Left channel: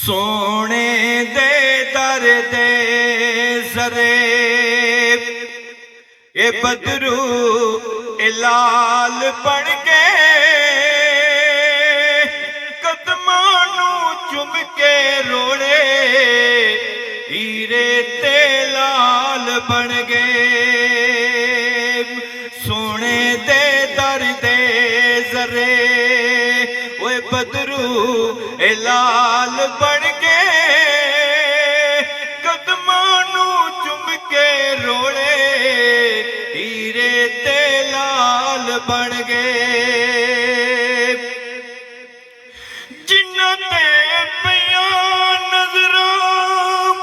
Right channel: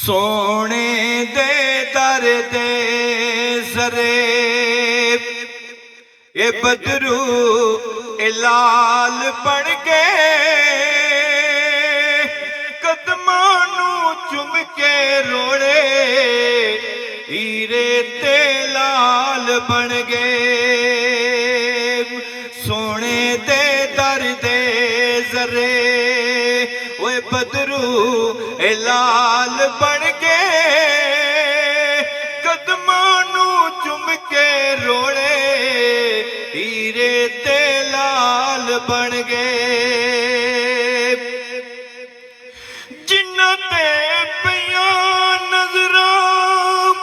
سونے دے در دے زرے اے بدرو اے لال بن کے قدموں نو چم کے روڑے ہیرے تے لال بن گئے سونے دے در دے زرے اے بدرو اے لال بن کے قدموں نو چم کے روڑے ہیرے تے لال بن گئے جنہ تے پیاں نظراں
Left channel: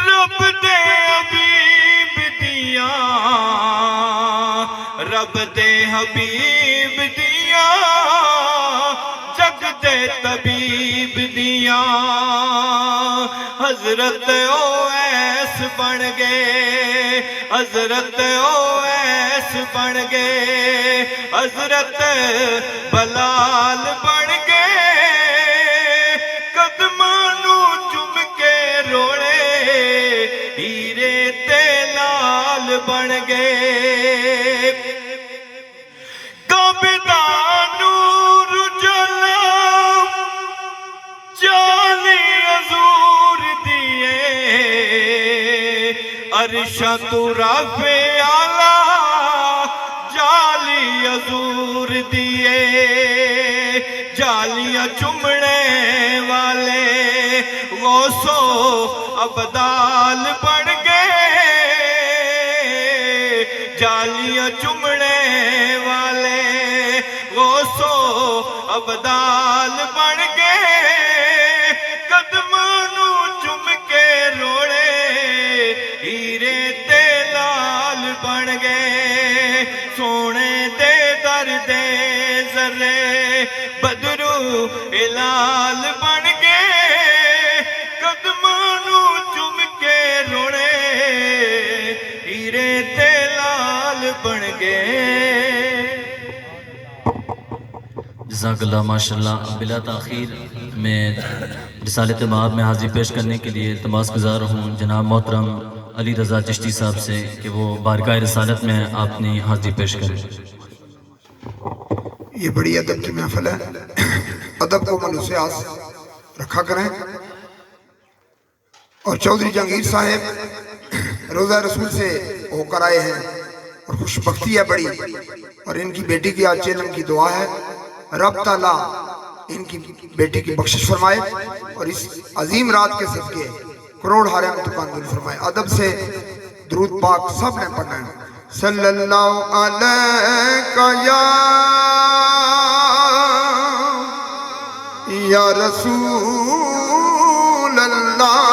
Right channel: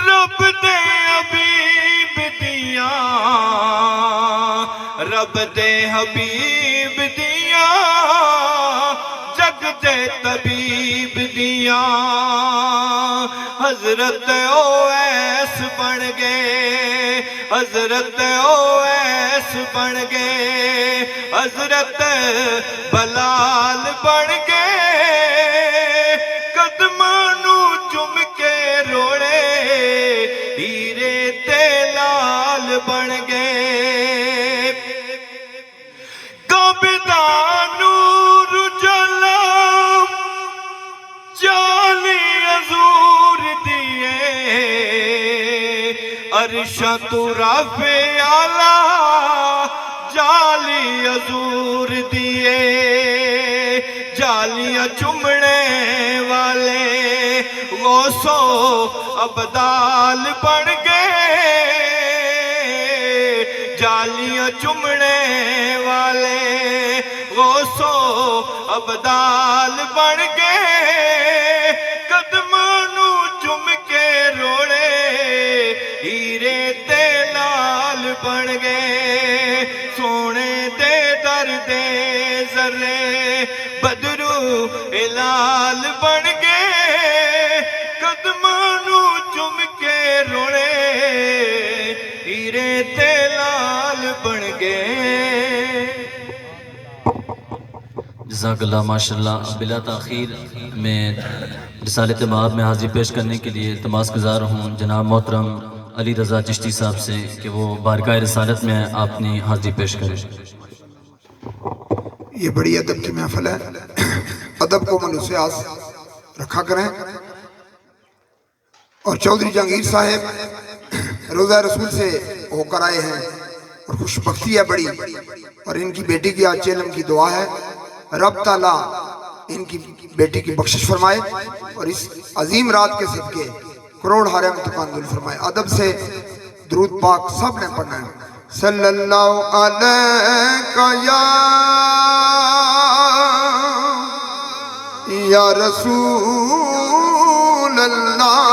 رب دے حبیب دیاں رب دے حبیب دیاں جگ دے طبیب دیاں حضرت اویس بن گئے حضرت اویس بن گئے حضرت بلال بن گئے قدموں نو چم کے روڑے ہیرے تے لال بن گئے کعبے دا نور جلا جالی حضور دیے عرشاں تو رافع اعلیٰ جالی حضور دیے جالیاں چمڑے والے غوثو ابدال بن گئے جالیاں چمڑے والے غوثو ابدال بن گئے قدموں نو چم کے روڑے ہیرے تے لال بن گئے سونے دے در دے زرے بدرو اے لال بن گئے قدموں نو چم کے روڑے ہیرے تے لال بن گئے جزاک اللہ ماشاءاللہ بلا تاخیر میں رسالت مآب میں حاضری پیش کرنے کے لیے التماس گزار ہوں جناب محترم علی رضا چشتی صاحب سے کہ وہ بارگاہ رسالت میں اپنی حاضری پیش کریں یہ بڑی ادب کی محفل ہے ادب کو منوسیاس رکھا کریں اور چودھری جہانگیر صاحب روزہ رسول سے ہو کر آئے ہیں اور خوش بختی ہے بڑی اور ان کی بیٹی کی آج چیلن کی دعا ہے رب تعالیٰ ان کی بیٹی کی بخشش فرمائے اور اس عظیم رات کے صدقے کروڑ ہارے متقبل فرمائے ادب سے درود پاک سب نے پڑھنا ہے صلی اللہ علیہ یا رسول اللہ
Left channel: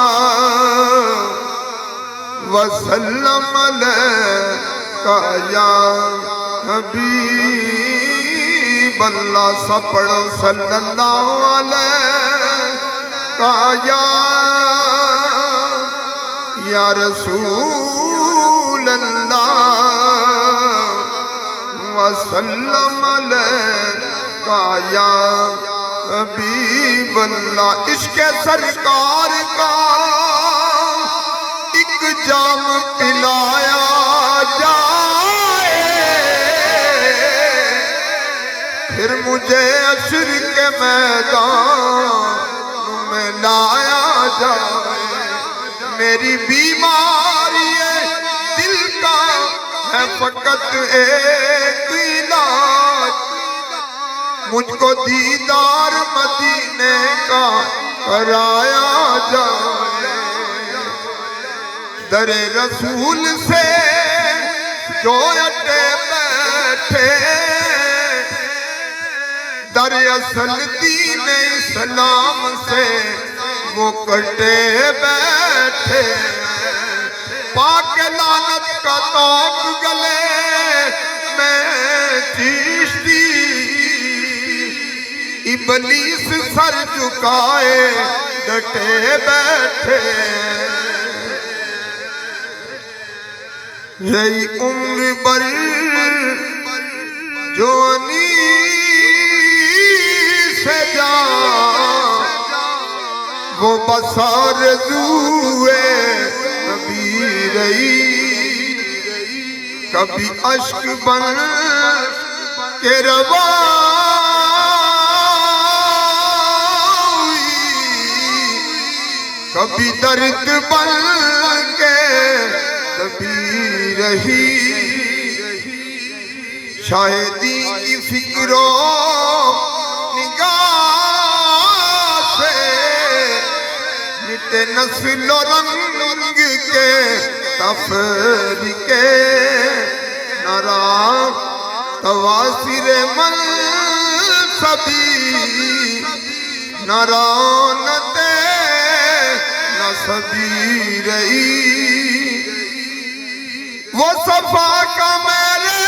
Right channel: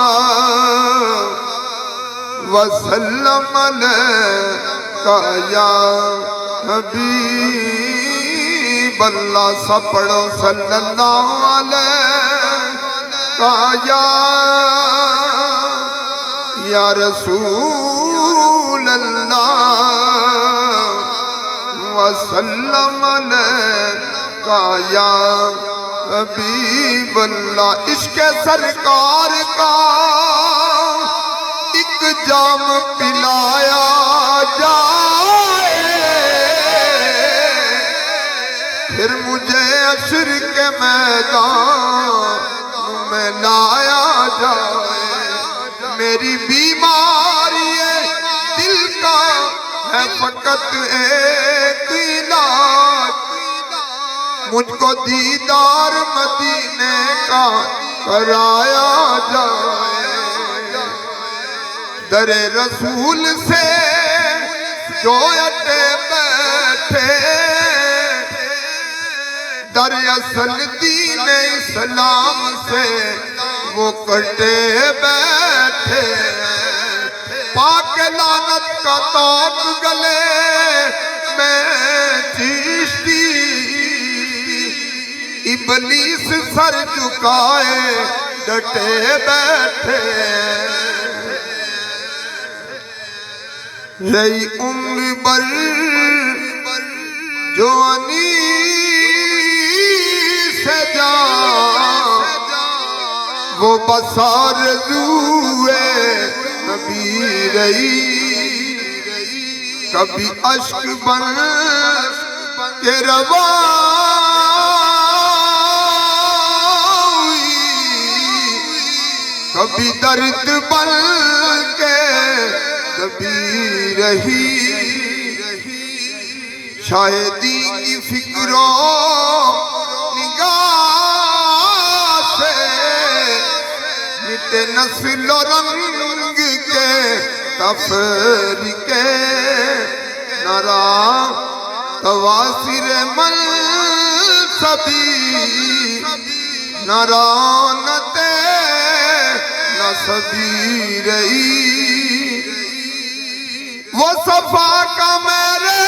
وسلم علیہ یا حبیب اللہ سپڑ صلی اللہ علیہ یا رسول اللہ وسلم علیہ یا حبیب اللہ عشق سرکار کا ایک جام پلایا جائے پھر مجھے عصر کے میدان میں لایا جائے میری بیماری دل کا ہے فقط ایک علاج مجھ کو دیدار مدینے کا کرایا جائے در رسول سے جو اٹے بیٹھے در اصل دین اسلام سے وہ کٹے بیٹھے پاک لعنت کا تاک گلے میں چیشتی ابلیس سر جھکائے ڈٹے بیٹھے رہی عمر بر جوانی سے جا وہ بسار روئے کبھی رہی کبھی اشک بن کے روا کبھی درد بن کے دبی رہی شاہدی کی فکروں نگاہ سے مٹے نسل و رنگ کے تفریقے نرا تواسر منصبی نرانت نصبی رہی وہ صفا کا میرے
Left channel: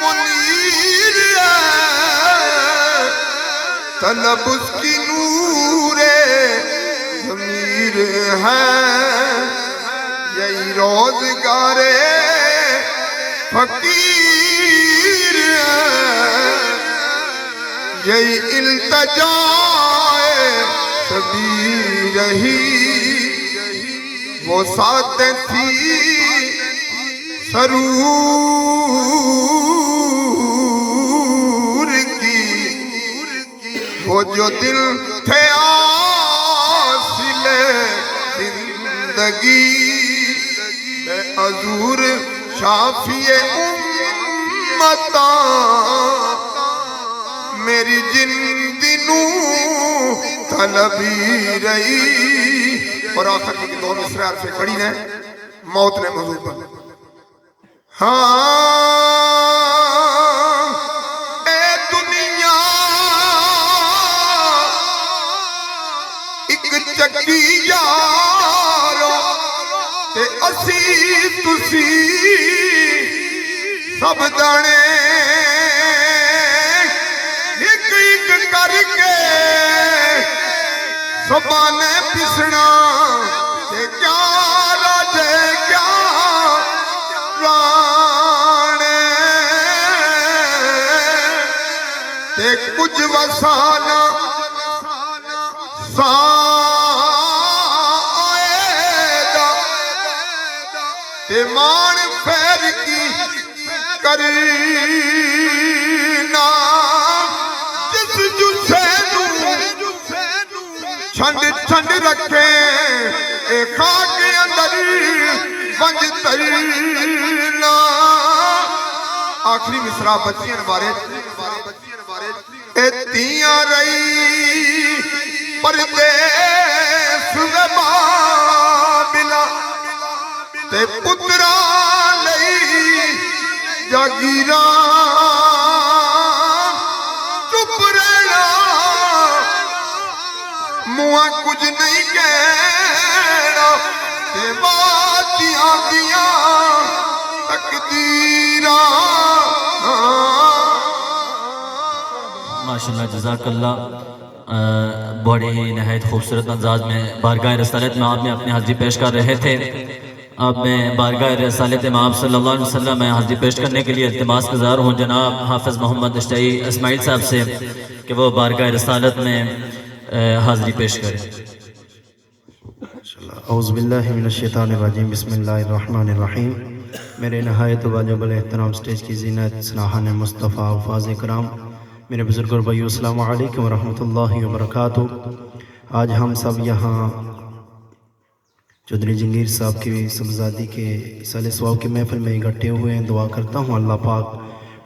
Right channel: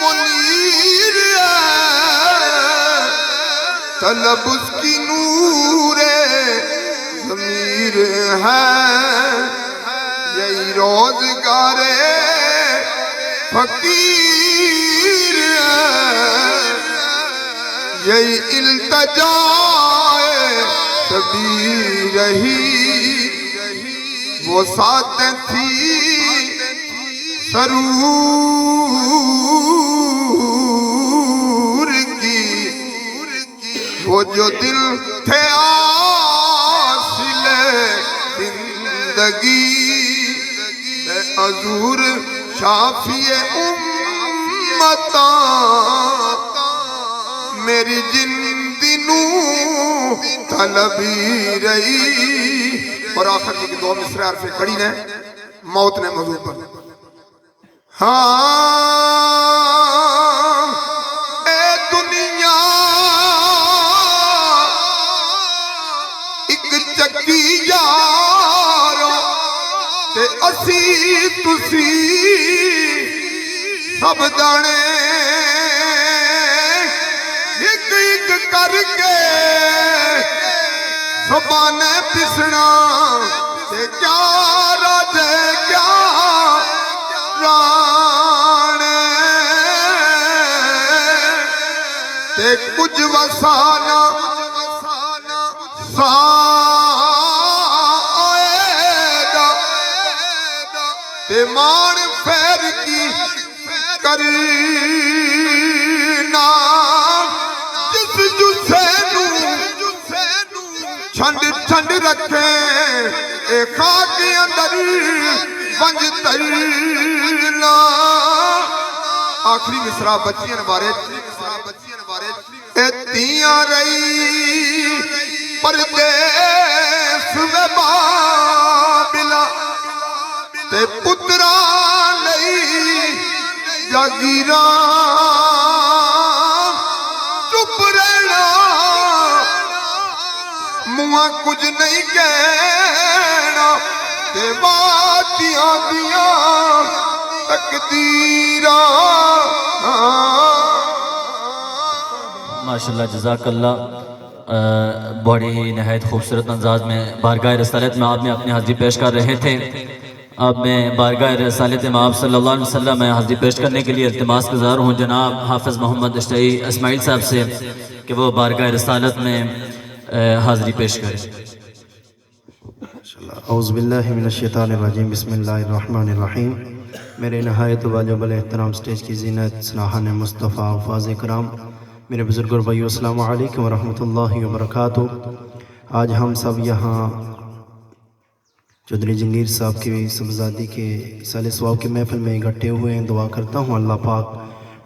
منیر ہے طلب اس کی نور ضمیر ہے یہی روزگار فقیر ہے یہی التجا سبھی رہی وہ ساتھ تھی سرور کی وہ جو دل تھے حاصل زندگی حضور شافی امتا میری جندنو طلبی رہی اور آخر کی دو مصرے عرفے کھڑی نے موت نے حضور پر ہاں اے دنیا ایک چکی یارو تے اسی تسی سب دانے ایک ایک کر کے سبانے پسنا تے کیا رجے کیا رانے تے کچھ وسانا تے مان پھیر کی کرنا جس جسے چھنڈ چھنڈ رکھے اے خاک اندر بنج ترنا آخری مصرع بچیاں بارے اے تیاں رہی پردیس بابلا تے پتران لئی جاگیراں چپ رہنا مواں کچھ نہیں کہنا تے باتیاں دیاں تقدیراں ماشاءاللہ جزاک اللہ بڑے ہی نہایت خوبصورت انداز میں بارگاہ رسالت میں آپ نے اپنی حاضری پیش کر رہے تھے اب میں بارگاہ رسالت امام صلی اللہ علیہ وسلم میں حاضری پیش کرنے کے لیے التماس گزار ہوں جناب حافظ محمد اشتعی اسماعیل صاحب سے کہ وہ بارگاہ رسالت میں حاضری پیش کریں اعوذ باللہ من الشیطان الرجیم بسم اللہ الرحمن الرحیم میرے نہایت واجب الاحترام سٹیج کی زینت سناہان مصطفیٰ الفاظ کرام میرے بزرگ اور بھائیو السلام علیکم ورحمۃ اللہ وبرکاتہ آج ہم سب یہاں چودھری جنگیر صاحب کی سبزادی کے سال ثواب کی محفل میں اکٹھے ہوئے ہیں دعا کرتا ہوں اللہ پاک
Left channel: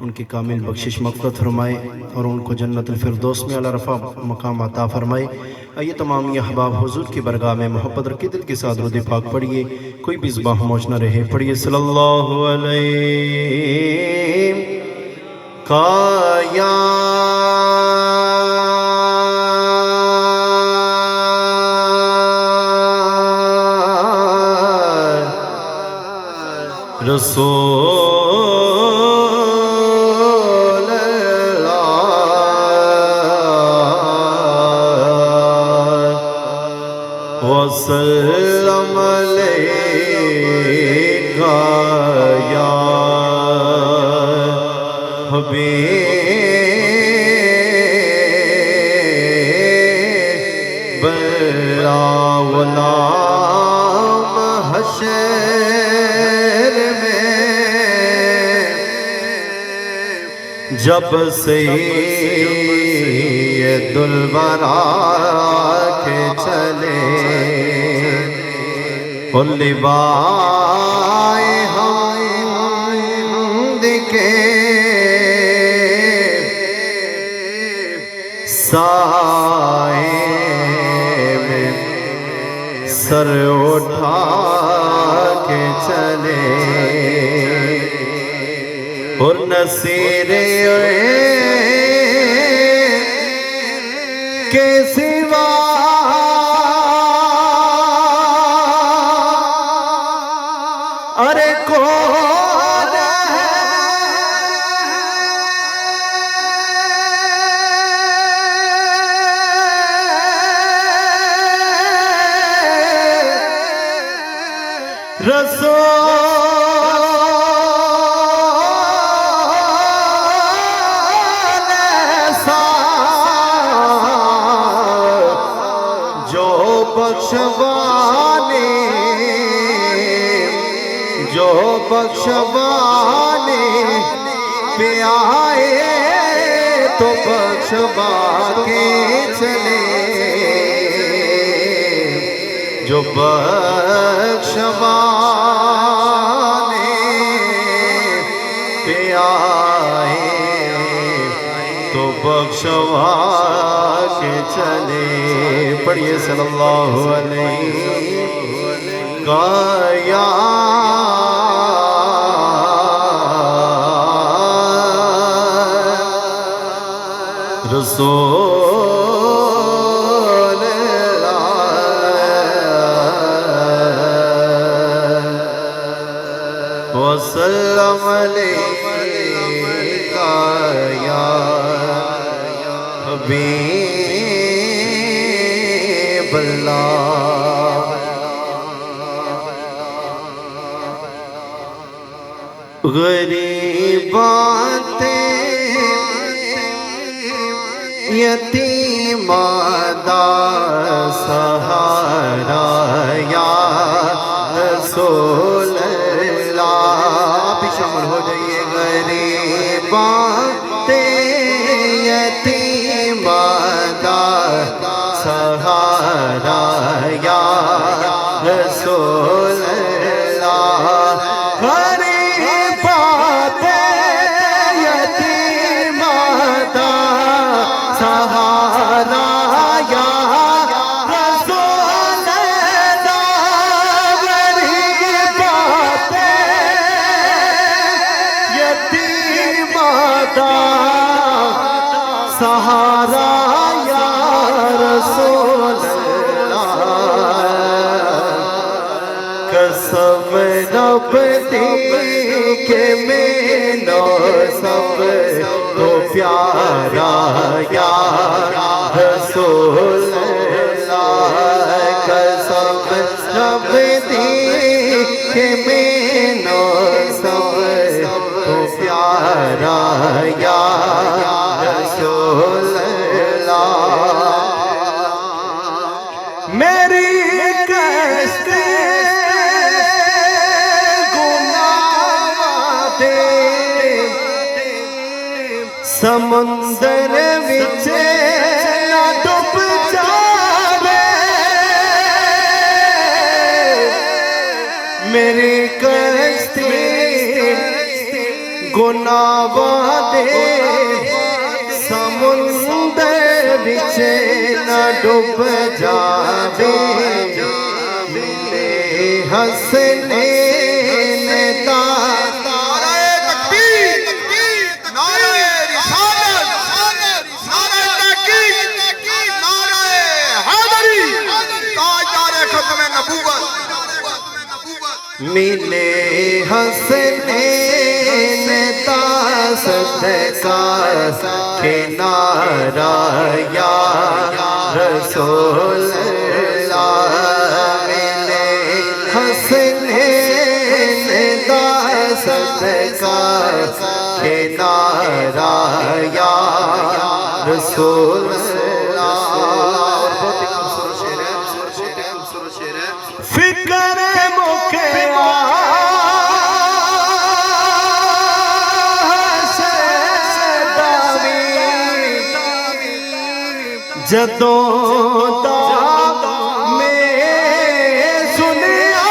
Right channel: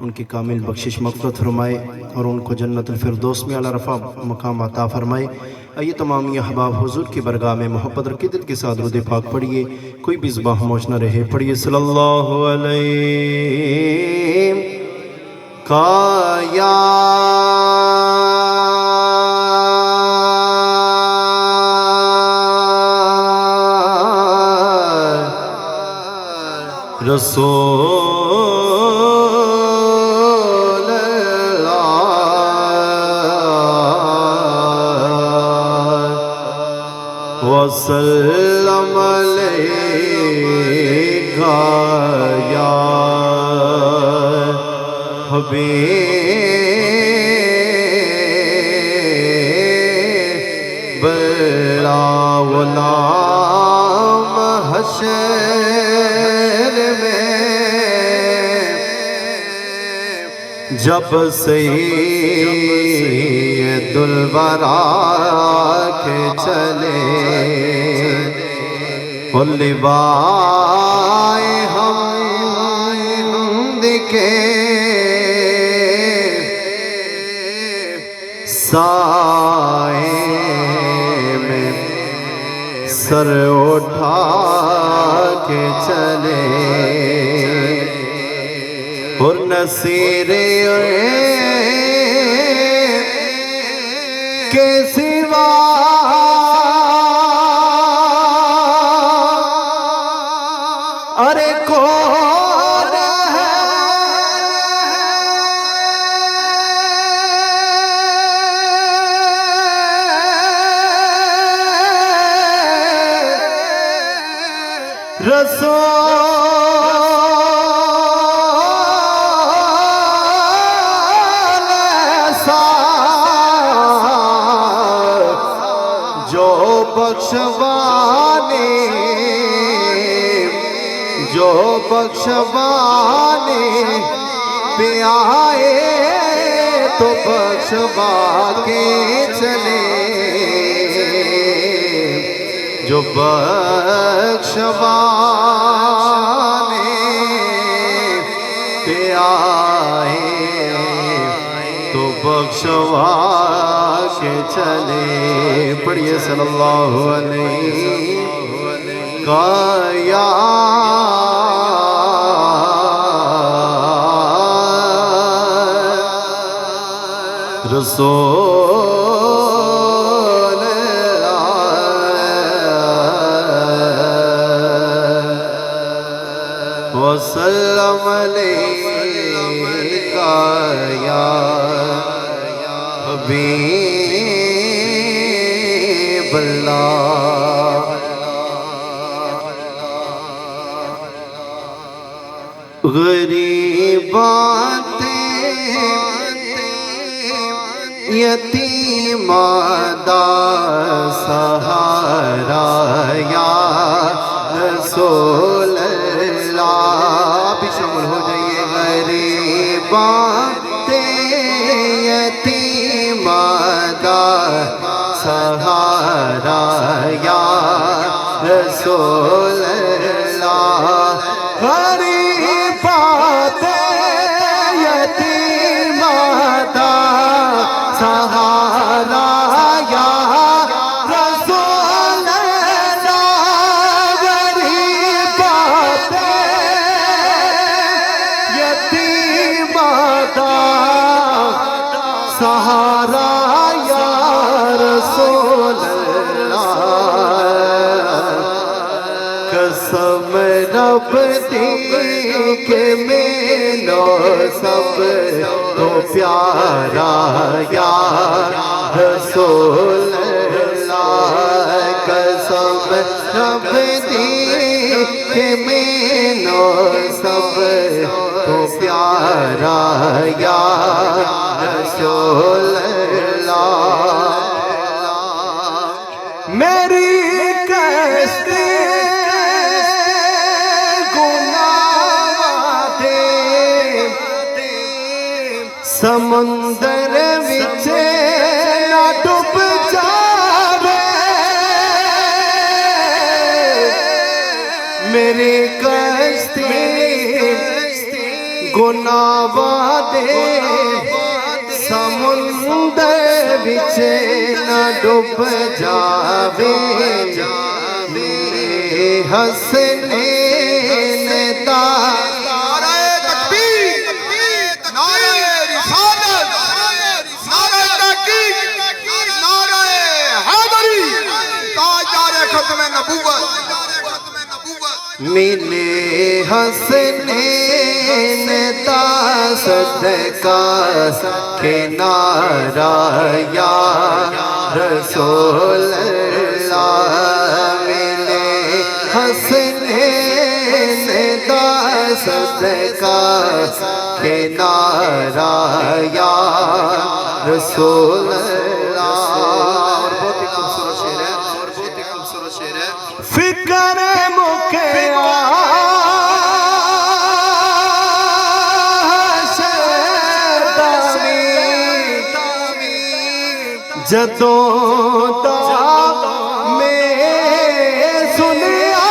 ان کی کامل بخشش مغفرت فرمائے اور ان کو جنت الفردوس میں اعلیٰ رفع مقام عطا فرمائے آئیے تمام یہ احباب حضور کی برگاہ میں محبت رکھے دل کے ساتھ درود پاک پڑھیے کوئی بھی زبان خاموش نہ رہے پڑھیے صلی اللہ علیہ کایا رسول اللہ وسلم علیکہ یا حبیب بڑا غلام حشر میں جب سید الورا کے چلے لبائے حمد کے سائے میں سر اٹھا کے چلے نصیر کے سوا ارے کون ہے رسول ایسا جو بخشوانے پہ آئے تو بخشوا کے چلے جو بخشوانے پہ آئے تو بخشوا کے چلے پڑھیے صلی اللہ علیہ یا رسول اللہ وسلم علیکہ یا حبیب اللہ غریبات یتیم دا سہارا یا رسول اللہ بھی شامل ہو جائیے غریبات یتیم دا سہارا یا رسول اللہ غریبات یتیم دا سہارا یا رسول اللہ غریبات یتیم دا سہارا یا رسول اللہ قسم رب دی کہ میرا سب تو پیارا یا رسول اللہ قسم رب دی کہ میرا سب تو پیارا یا رسول اللہ میری کشتی سمندر وچ نہ ڈوب جاوے میری کشتی گناہ دے سمندر وچ نہ ڈوب جاوے میرے حسنین دا ملے حسنین دا صدقہ کنارہ یا رسول اللہ ملے حسنین دا صدقہ کنارہ یا رسول اللہ بہت ہی خوبصورت فکر مکیا جدوں دا میں سنیا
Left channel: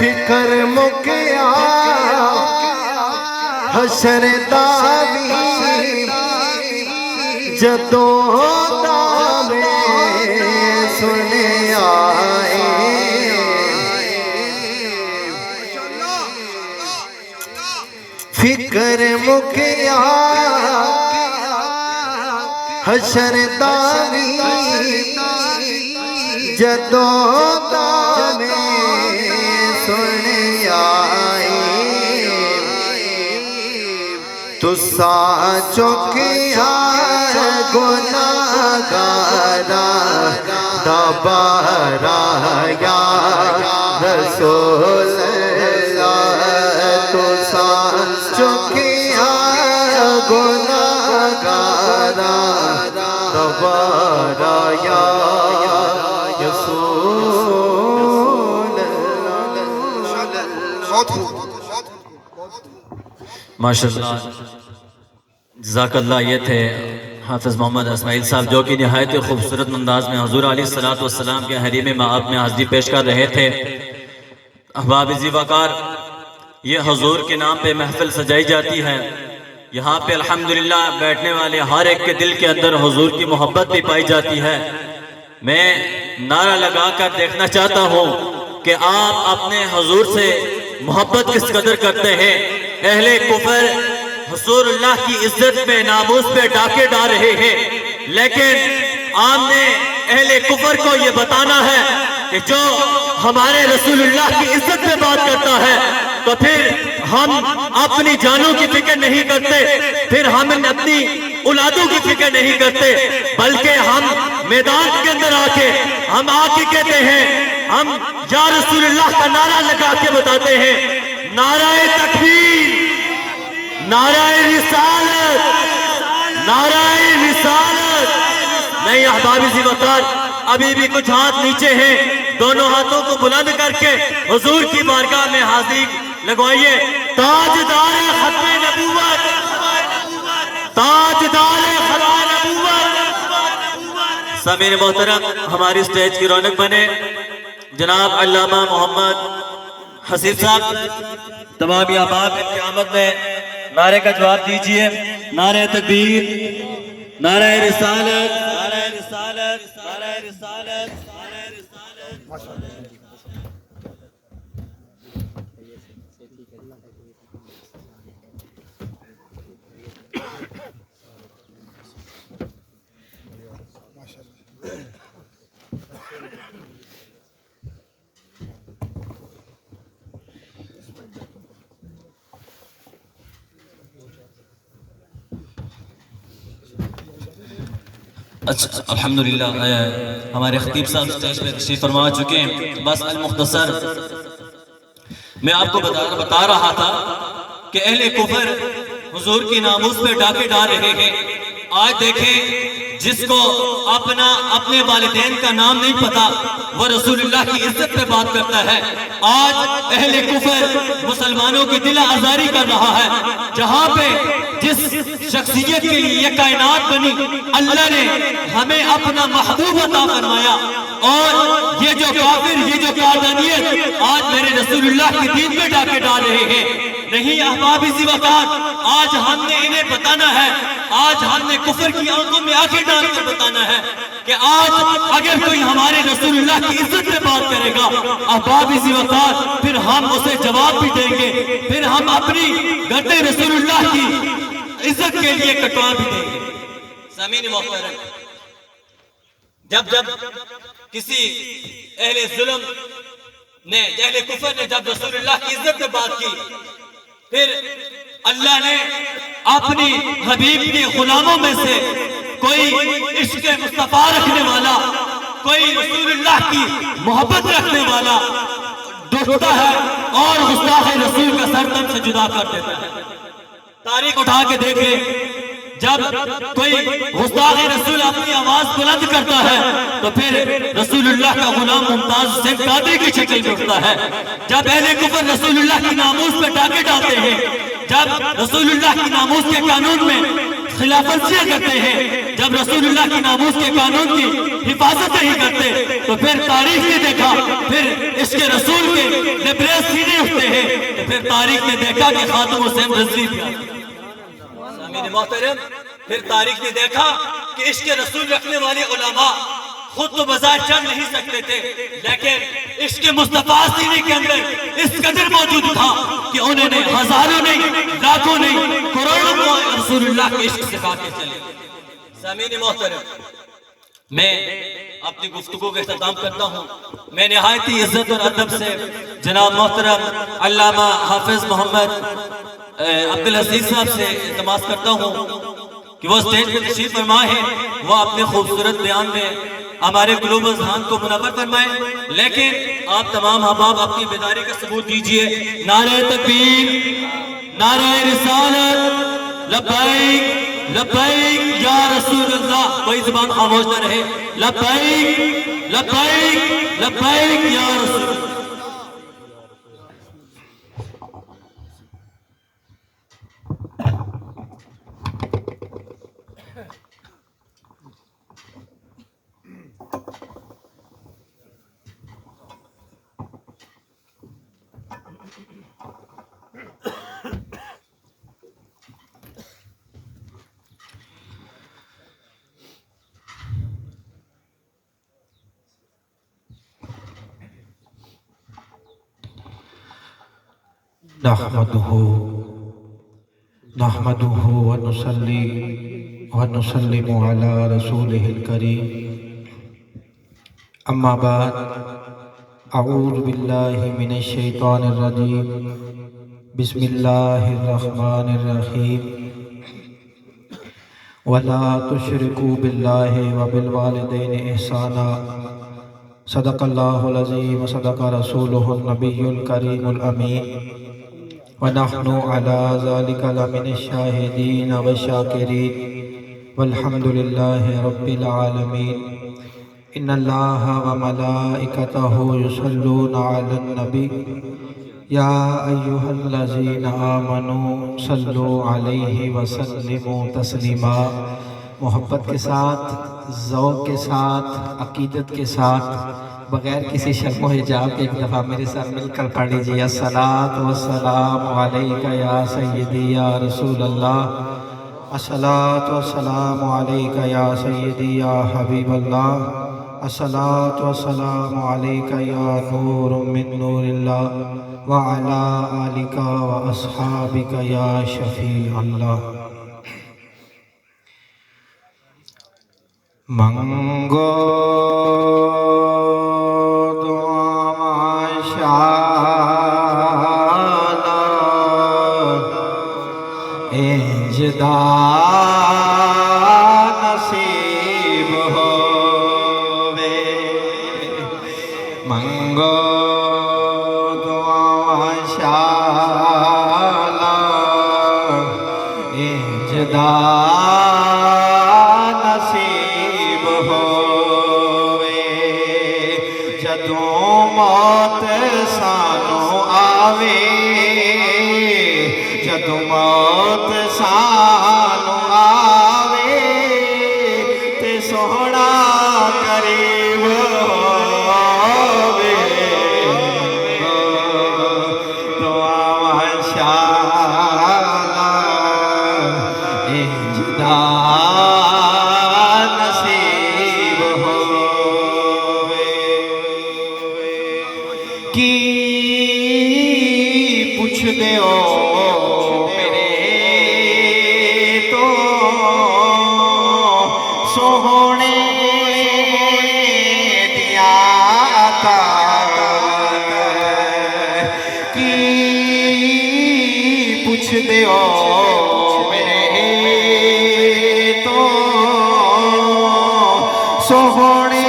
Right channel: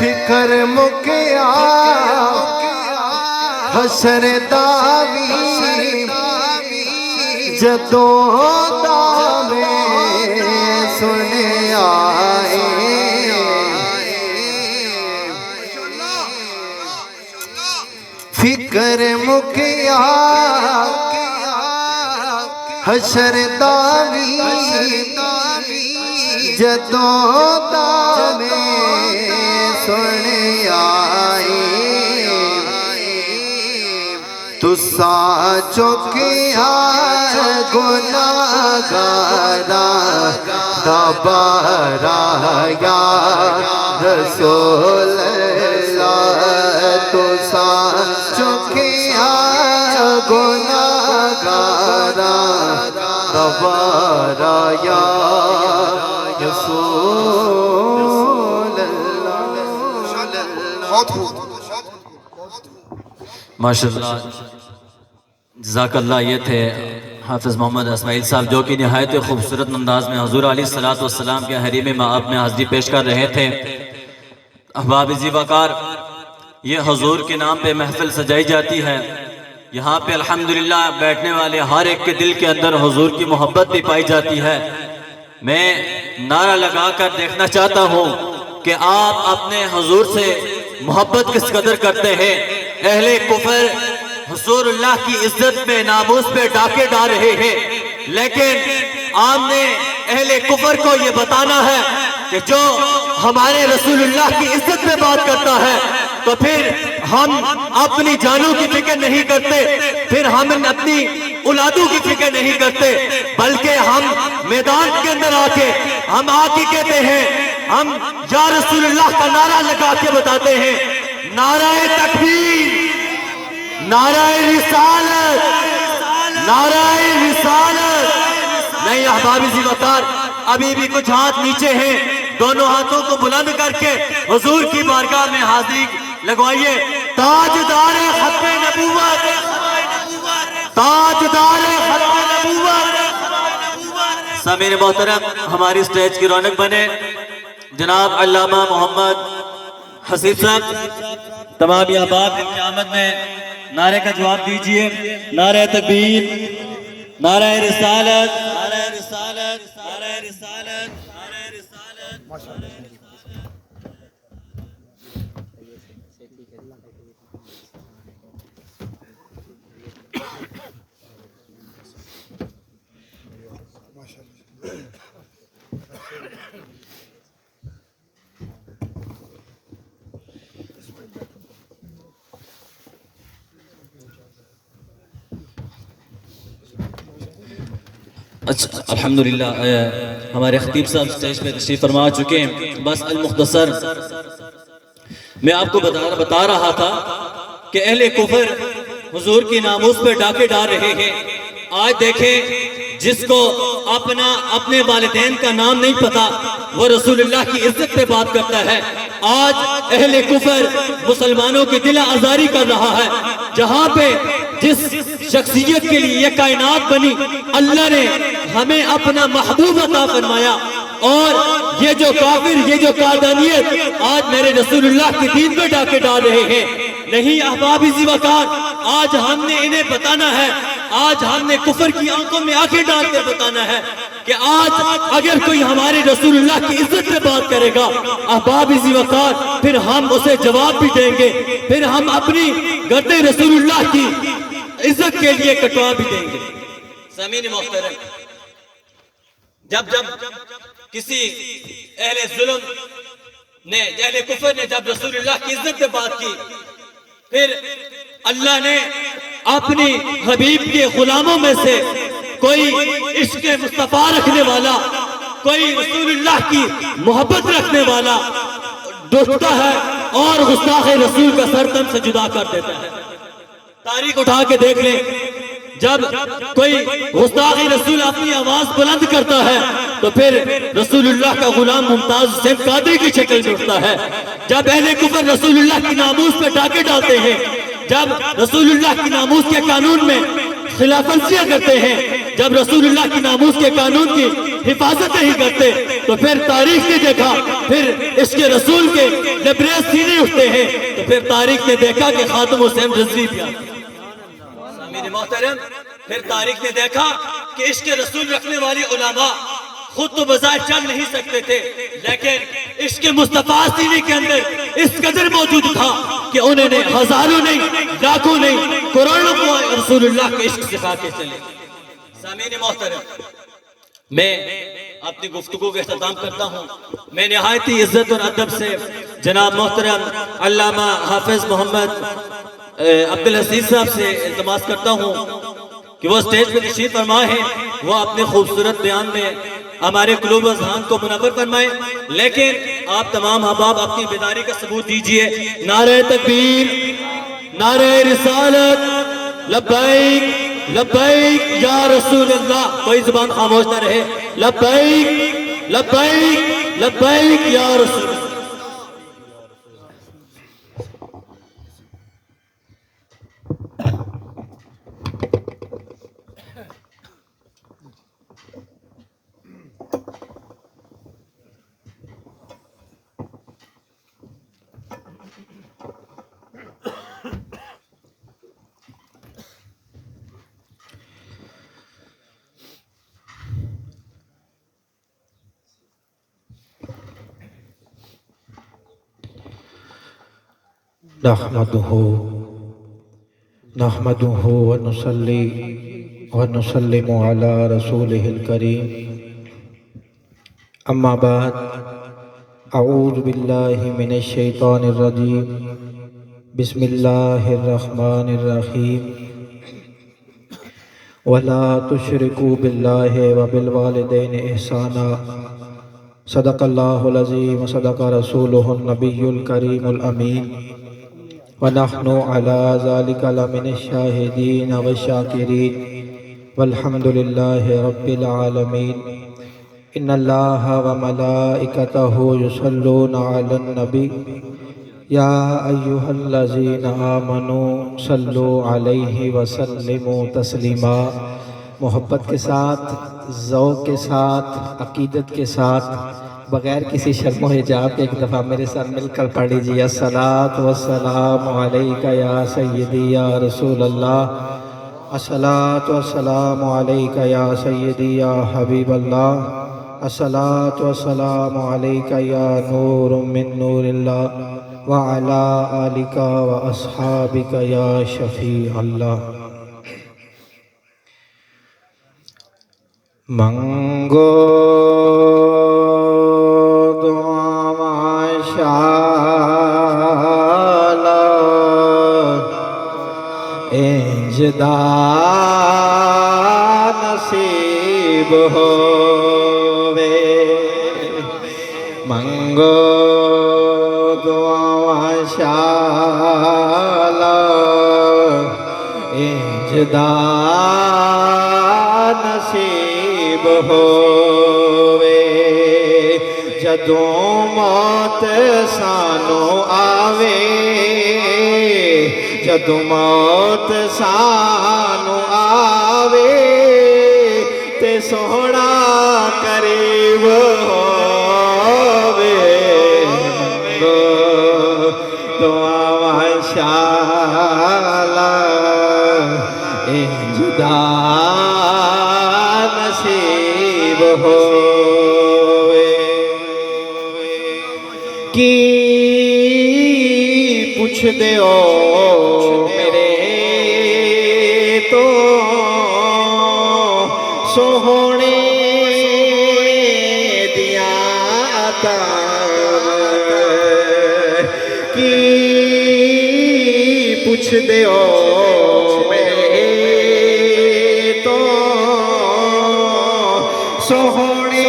فکر مکیا حشر دا بھی جدوں دا میں سنیا فکر مکیا حشر دا بھی جدوں دا میں سنیا تساں چکیا گناہگارا دوبارہ یا رسول اللہ تساں چکیا گناہگارا دوبارہ یا رسول اللہ. ماشاءاللہ جزاک اللہ. یہ تھے حافظ محمد اسماعیل صاحب جو کہ نہایت خوبصورت انداز میں حضور علیہ السلام کے حریم مآب میں حاضری پیش کر رہے تھے. احباب ذی وقار، یہ حضور کے نام پہ محفل سجائی جاتی ہے. یہاں پہ الحمدللہ بیٹھنے والے ہر ایک کے دل کے اندر حضور کی محبت بھی پائی جاتی ہے. میں نعرہ لگا کر دیکھنا چاہتا ہوں کہ آپ اپنے حضور سے محبت کس قدر کرتے ہیں. اہل کفر رسول اللہ کی عزت پہ ناموس پہ ڈاکے ڈال رہے ہیں، لیکن آپ نے اہل کفر کو یہ بتانا ہے کہ جو ہمارے رسول اللہ کی عزت پہ بات کرتا ہے تو پھر ہم اپنی جانوں کی فکر نہیں کرتے، پھر ہم اپنی اولادوں کی فکر نہیں کرتے، بلکہ ہم میدان کے اندر آ کے کہتے ہیں، ہم یا رسول اللہ کا نعرہ لگا کے بتاتے ہیں، نعرہ تکبیر، نعرہ رسالت، نعرہ رسالت. نہیں احباب ذی وقار، ابھی بھی کچھ ہاتھ نیچے ہیں، دونوں ہاتھوں کو بلند کر کے حضور کی بارگاہ میں حاضری لگوائیے. تاجدار ختم نبوت، تاجدار ختم نبوت. سامعین محترم، ہماری سٹیج کی رونق بنے جناب علامہ محمد حسیب صاحب. تمام احباب کی آمد میں نعرے کا جواب دیجئے. نعرہ تکبیر، نعرہ رسالت، نعرہ رسالت، نعرہ رسالت، نعرہ رسالت. اچھا الحمدللہ ہمارے خطیب صاحب سٹیج پہ تشریف فرما چکے ہیں. بس المختصر میں آپ کو بتا رہا تھا کہ اہل کفر حضور کی ناموس پہ ڈاکے ڈال رہے ہیں. آج دیکھیں جس کو اپنے والدین کا نام نہیں پتا وہ رسول اللہ کی عزت پہ بات کرتا ہے. آج اہل کفر مسلمانوں کی دل آزاری کر رہا ہے. جہاں پہ جس شخصیت کے لیے یہ کائنات بنی اللہ نے ہمیں اپنا محبوب عطا فرمایا، اور یہ جو کافر، یہ جو قادانیت آج میرے رسول اللہ کی دین پہ ڈاکے ڈال رہے ہیں. نہیں احباب ذی وقار، آج ہم نے انہیں بتانا ہے، آج ہم نے کفر کی آنکھوں میں آنکھیں ڈال کر بتانا ہے کہ آج اگر کوئی ہمارے رسول اللہ کی عزت پہ بات کرے گا احباب ذی وقار، پھر ہم اسے جواب بھی دیں گے، پھر ہم اپنی گردے رسول اللہ کی عزت کے لیے کٹوا بھی دیں گے. سامعین محترم، جب کسی اہل ظلم نے، اہل کفر نے جب رسول اللہ کی عزت پہ بات کی، پھر اللہ نے اپنی حبیب کے غلاموں میں سے کوئی عشق مصطفیٰ رکھنے والا، کوئی رسول اللہ کی محبت رکھنے والا ڈھونڈتا ہے اور گستاخ رسول کا سر تن سے جدا کر دیتا ہے. تاریخ اٹھا کے دیکھ لیں، جب کوئی گستاخ رسول اپنی آواز بلند کرتا ہے تو پھر رسول اللہ کا غلام ممتاز حسین قادری کی شکل میں اٹھتا ہے. جب اہل کفر رسول اللہ کی ناموس پہ ڈاکے ڈالتے ہیں، جب رسول اللہ کی ناموس کے قانون میں خلاف ورزیاں کرتے ہیں، جب رسول اللہ کی ناموس کے قانون کی حفاظت نہیں کرتے، تو پھر تاریخ نے دیکھا، پھر اس کے رسول کے لبریز سینے اٹھتے ہیں، تو پھر تاریخ نے دیکھا کہ خاتم حسین رضوی پہ. سامعین محترم، پھر تاریخ نے دیکھا کہ اس کے رسول رکھنے والے علماء خود تو بظاہر چل نہیں سکتے تھے، لیکن اس کے مصطفیٰ سینے کے اندر اس قدر موجود تھا کہ انہوں نے ہزاروں نہیں، لاکھوں نہیں، کروڑوں کو رسول اللہ کے عشق سکھا کے چلے. سامعین محترم، میں اپنی گفتگو کا اختتام کرتا ہوں. میں نہایتی عزت اور ادب سے جناب محترم علامہ حافظ محمد عبدالعزیز صاحب سے التماس کرتا ہوں کہ وہ اسٹیج پہ تشریف فرما ہے، وہ اپنے خوبصورت بیان میں ہمارے قلوب و اذہان کو منور فرمائے. لیکن آپ تمام احباب اپنی بیداری کا ثبوت دیجئے. نعرہ تکبیر، نعرہ رسالت، لبیک لبیک یا رسول اللہ. کوئی زبان خاموش نہ رہے. لبیک لبیک لبیک یا رسول اللہ. نحمده ونصلي ونسلم على رسوله الكريم. أما بعد، أعوذ بالله من الشيطان الرجيم. بسم الله الرحمن الرحيم. ولا تشركوا بالله وبالوالدين إحسانا. صدق الله العظيم وصدق رسوله النبي الكريم الأمين. ونحن على ذلك لمن الشاهدين والشاكرين والحمد لله رب العالمين. إن الله وملائكته يصلون على النبي يا أيها الذين آمنوا صلوا عليه وسلموا تسلیما. محبت کے ساتھ، ذوق کے ساتھ، عقیدت کے ساتھ، بغیر کسی شرم و حجاب کے ایک دفعہ میرے ساتھ مل کر پڑھ لیجیے. الصلاۃ والسلام علیک یا سیدی یا رسول اللہ. الصلاۃ والسلام علیک یا سیدی یا حبیب اللہ. الصلاۃ والسلام علیک یا نور من نور اللہ وعلی آلک واصحابک یا شفیع اللہ. منگو انجدا نصیب ہووے. منگو دعا شالا انجدا نصیب ہووے. جدوں موت سانو آوے، جدوں موت سانو آوے تے سوہنا قریب ہووے. دعا شالا انجدا نصیب ہووے. کی پوچھ دیو سوہنے دیا کی پوچھ دیو میرے تو سوہنے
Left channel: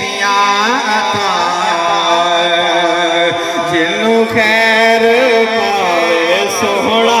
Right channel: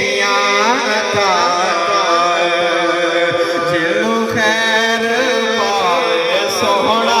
دیا جنوں خیر پائے سوہنا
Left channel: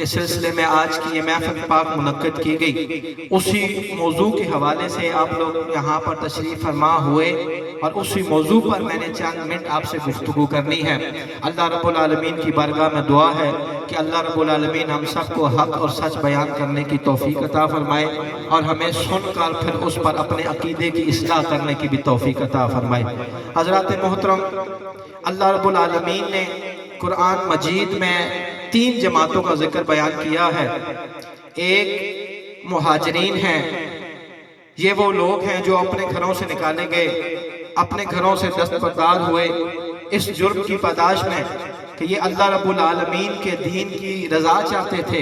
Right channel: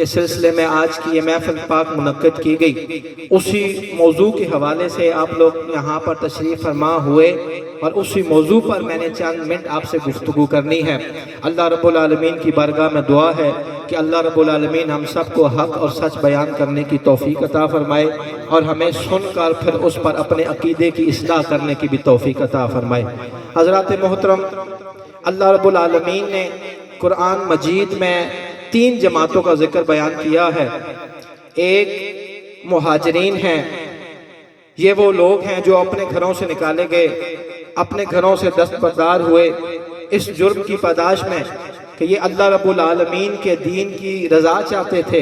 کے سلسلے میں آج کی یہ محفل پاک منعقد کی گئی، اسی موضوع کے حوالے سے آپ لوگ یہاں پر تشریف فرما ہوئے اور اسی موضوع پر میں نے چند منٹ آپ سے گفتگو کرنی ہے۔ اللہ رب العالمین کی بارگاہ میں دعا ہے کہ اللہ رب العالمین ہم سب کو حق اور سچ بیان کرنے کی توفیق عطا فرمائے اور ہمیں سن کر پھر اس پر اپنے عقیدے کی اصلاح کرنے کی بھی توفیق عطا فرمائے۔ حضرات محترم، اللہ رب العالمین نے قرآن مجید میں 3 جماعتوں کا ذکر بیان کیا ہے۔ ایک مہاجرین ہیں، یہ وہ لوگ ہیں جو اپنے گھروں سے نکالے گئے، اپنے گھروں سے دستبردار ہوئے اس جرم کی پاداش میں کہ یہ اللہ رب العالمین کے دین کی رضا چاہتے تھے،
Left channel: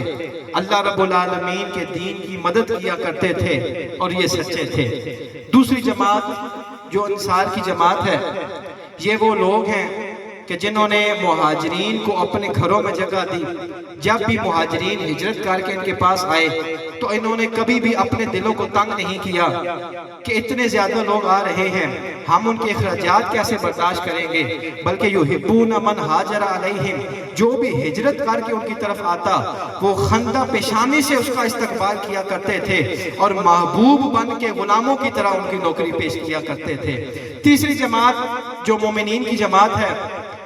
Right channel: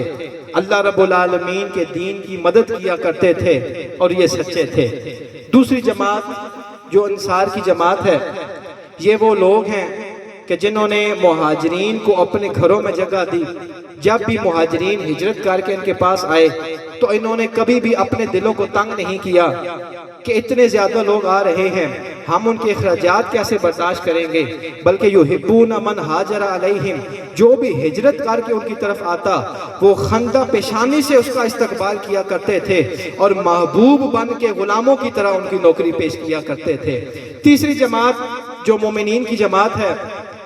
اللہ رب العالمین کے دین کی مدد کیا کرتے تھے اور یہ سچے تھے۔ دوسری جماعت جو انصار کی جماعت ہے، یہ وہ لوگ ہیں کہ جنہوں نے مہاجرین کو اپنے گھروں میں جگہ دی۔ جب بھی مہاجرین ہجرت کر کے ان کے پاس آئے تو انہوں نے کبھی بھی اپنے دلوں کو تنگ نہیں کیا کہ اتنے زیادہ لوگ آ رہے ہیں، ہم ان کے اخراجات کیسے برداشت کریں گے، بلکہ یحبون من ہاجر علیہم، جو بھی ہجرت کر کے ان کی طرف آتا وہ خندہ پیشانی سے اس کا استقبال کیا کرتے تھے اور محبوب بن کے غلاموں کی طرح ان کی نوکری پیش کیا کرتے تھے۔ تیسری جماعت جو مومنین کی جماعت ہے،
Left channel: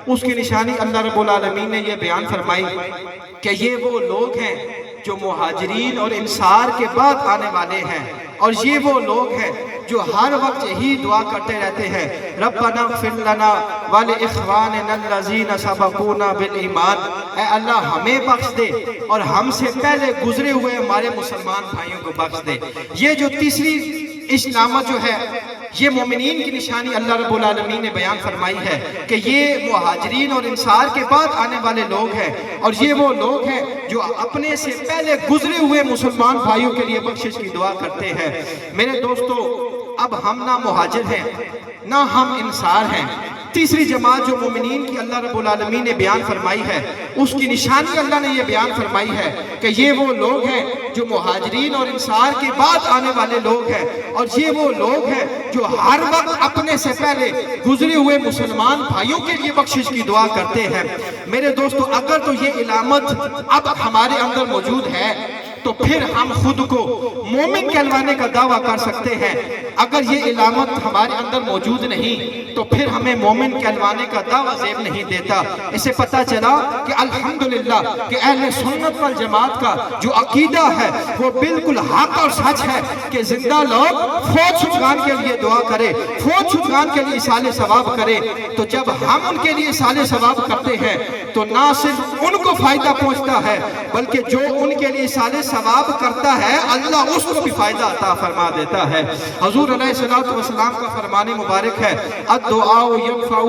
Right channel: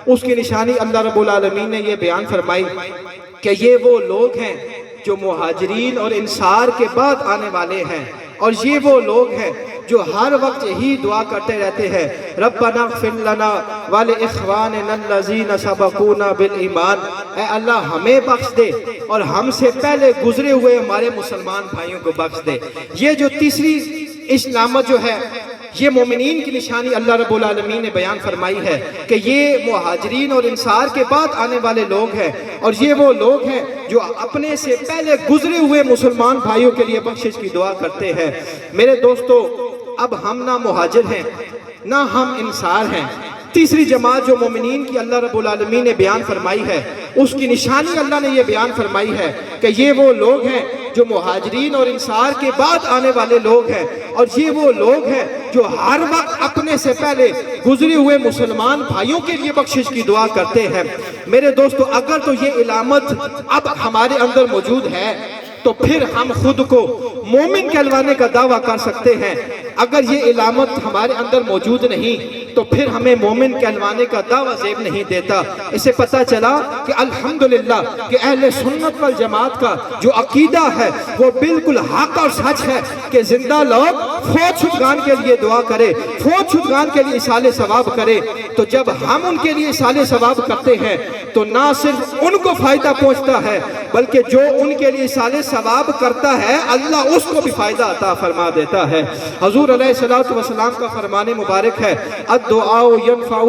اس کی نشانی اللہ رب العالمین نے یہ بیان فرمائی کہ یہ وہ لوگ ہیں جو مہاجرین اور انصار کے بعد آنے والے ہیں، اور یہ وہ لوگ ہیں جو ہر وقت یہی دعا کرتے رہتے ہیں، ربنا اغفر لنا ولاخواننا الذین سبقونا بالایمان، اے اللہ ہمیں بخش دے اور ہم سے پہلے گزرے ہوئے ہمارے مسلمان بھائیوں کو بخش دے۔ یہ جو تیسری علامت جو ہے، یہ مومنین کی نشانی اللہ رب العالمین نے بیان فرمائی ہے کہ یہ مہاجرین اور انصار کے بعد آنے والے لوگ ہیں، اور یہ وہ لوگ ہیں جو اپنے سے پہلے گزرے ہوئے مسلمان بھائیوں کے لیے بخشش کی دعا کرتے ہیں۔ میرے دوستو، اب ہم نہ مہاجر ہیں نہ ہم انصار ہیں۔ تیسری جماعت جو مومنین کی اللہ رب العالمین نے بیان فرمائی ہے، اس کی نشانی اللہ نے یہ بیان فرمائی ہے کہ یہ وہ لوگ ہیں جو مہاجرین اور انصار کے بعد آنے والے لوگ ہیں، اور یہ وہ لوگ ہیں جو ہر وقت اپنے سے پہلے گزرے ہوئے مسلمان بھائیوں کے لیے بخشش کی دعا کرتے ہیں۔ میرے دوستو، اگر تو یہ علامت اب ہمارے اندر موجود ہے تو پھر ہم خود کو مومن کہلوانے کا دعویٰ کر سکتے ہیں۔ اگر یہ علامت ہمارے اندر موجود نہیں تو پھر ہمیں مومن کہلوانے کا دعویٰ زیب نہیں دیتا۔ اسے پتہ چلا کہ الحمدللہ کہ اہل سنت والجماعت کا جو عقیدہ ہے وہ بالکل حق اور سچ ہے کہ زندہ لوگ فوت شدگان کے لیے دعا کرے، فوت شدگان کے لیے اصال ثواب کرے۔ تو جب ہم ان کے لیے اصال ثواب کرتے ہیں تو نہ صرف ان کو فائدہ پہنچتا ہے بلکہ جو ان کے لیے اصال ثواب کرتا ہے اللہ اس کو بھی فائدہ عطا فرما دیتا ہے۔ حضور علیہ السلام کا فرمان مبارک ہے، الدعاء ينفع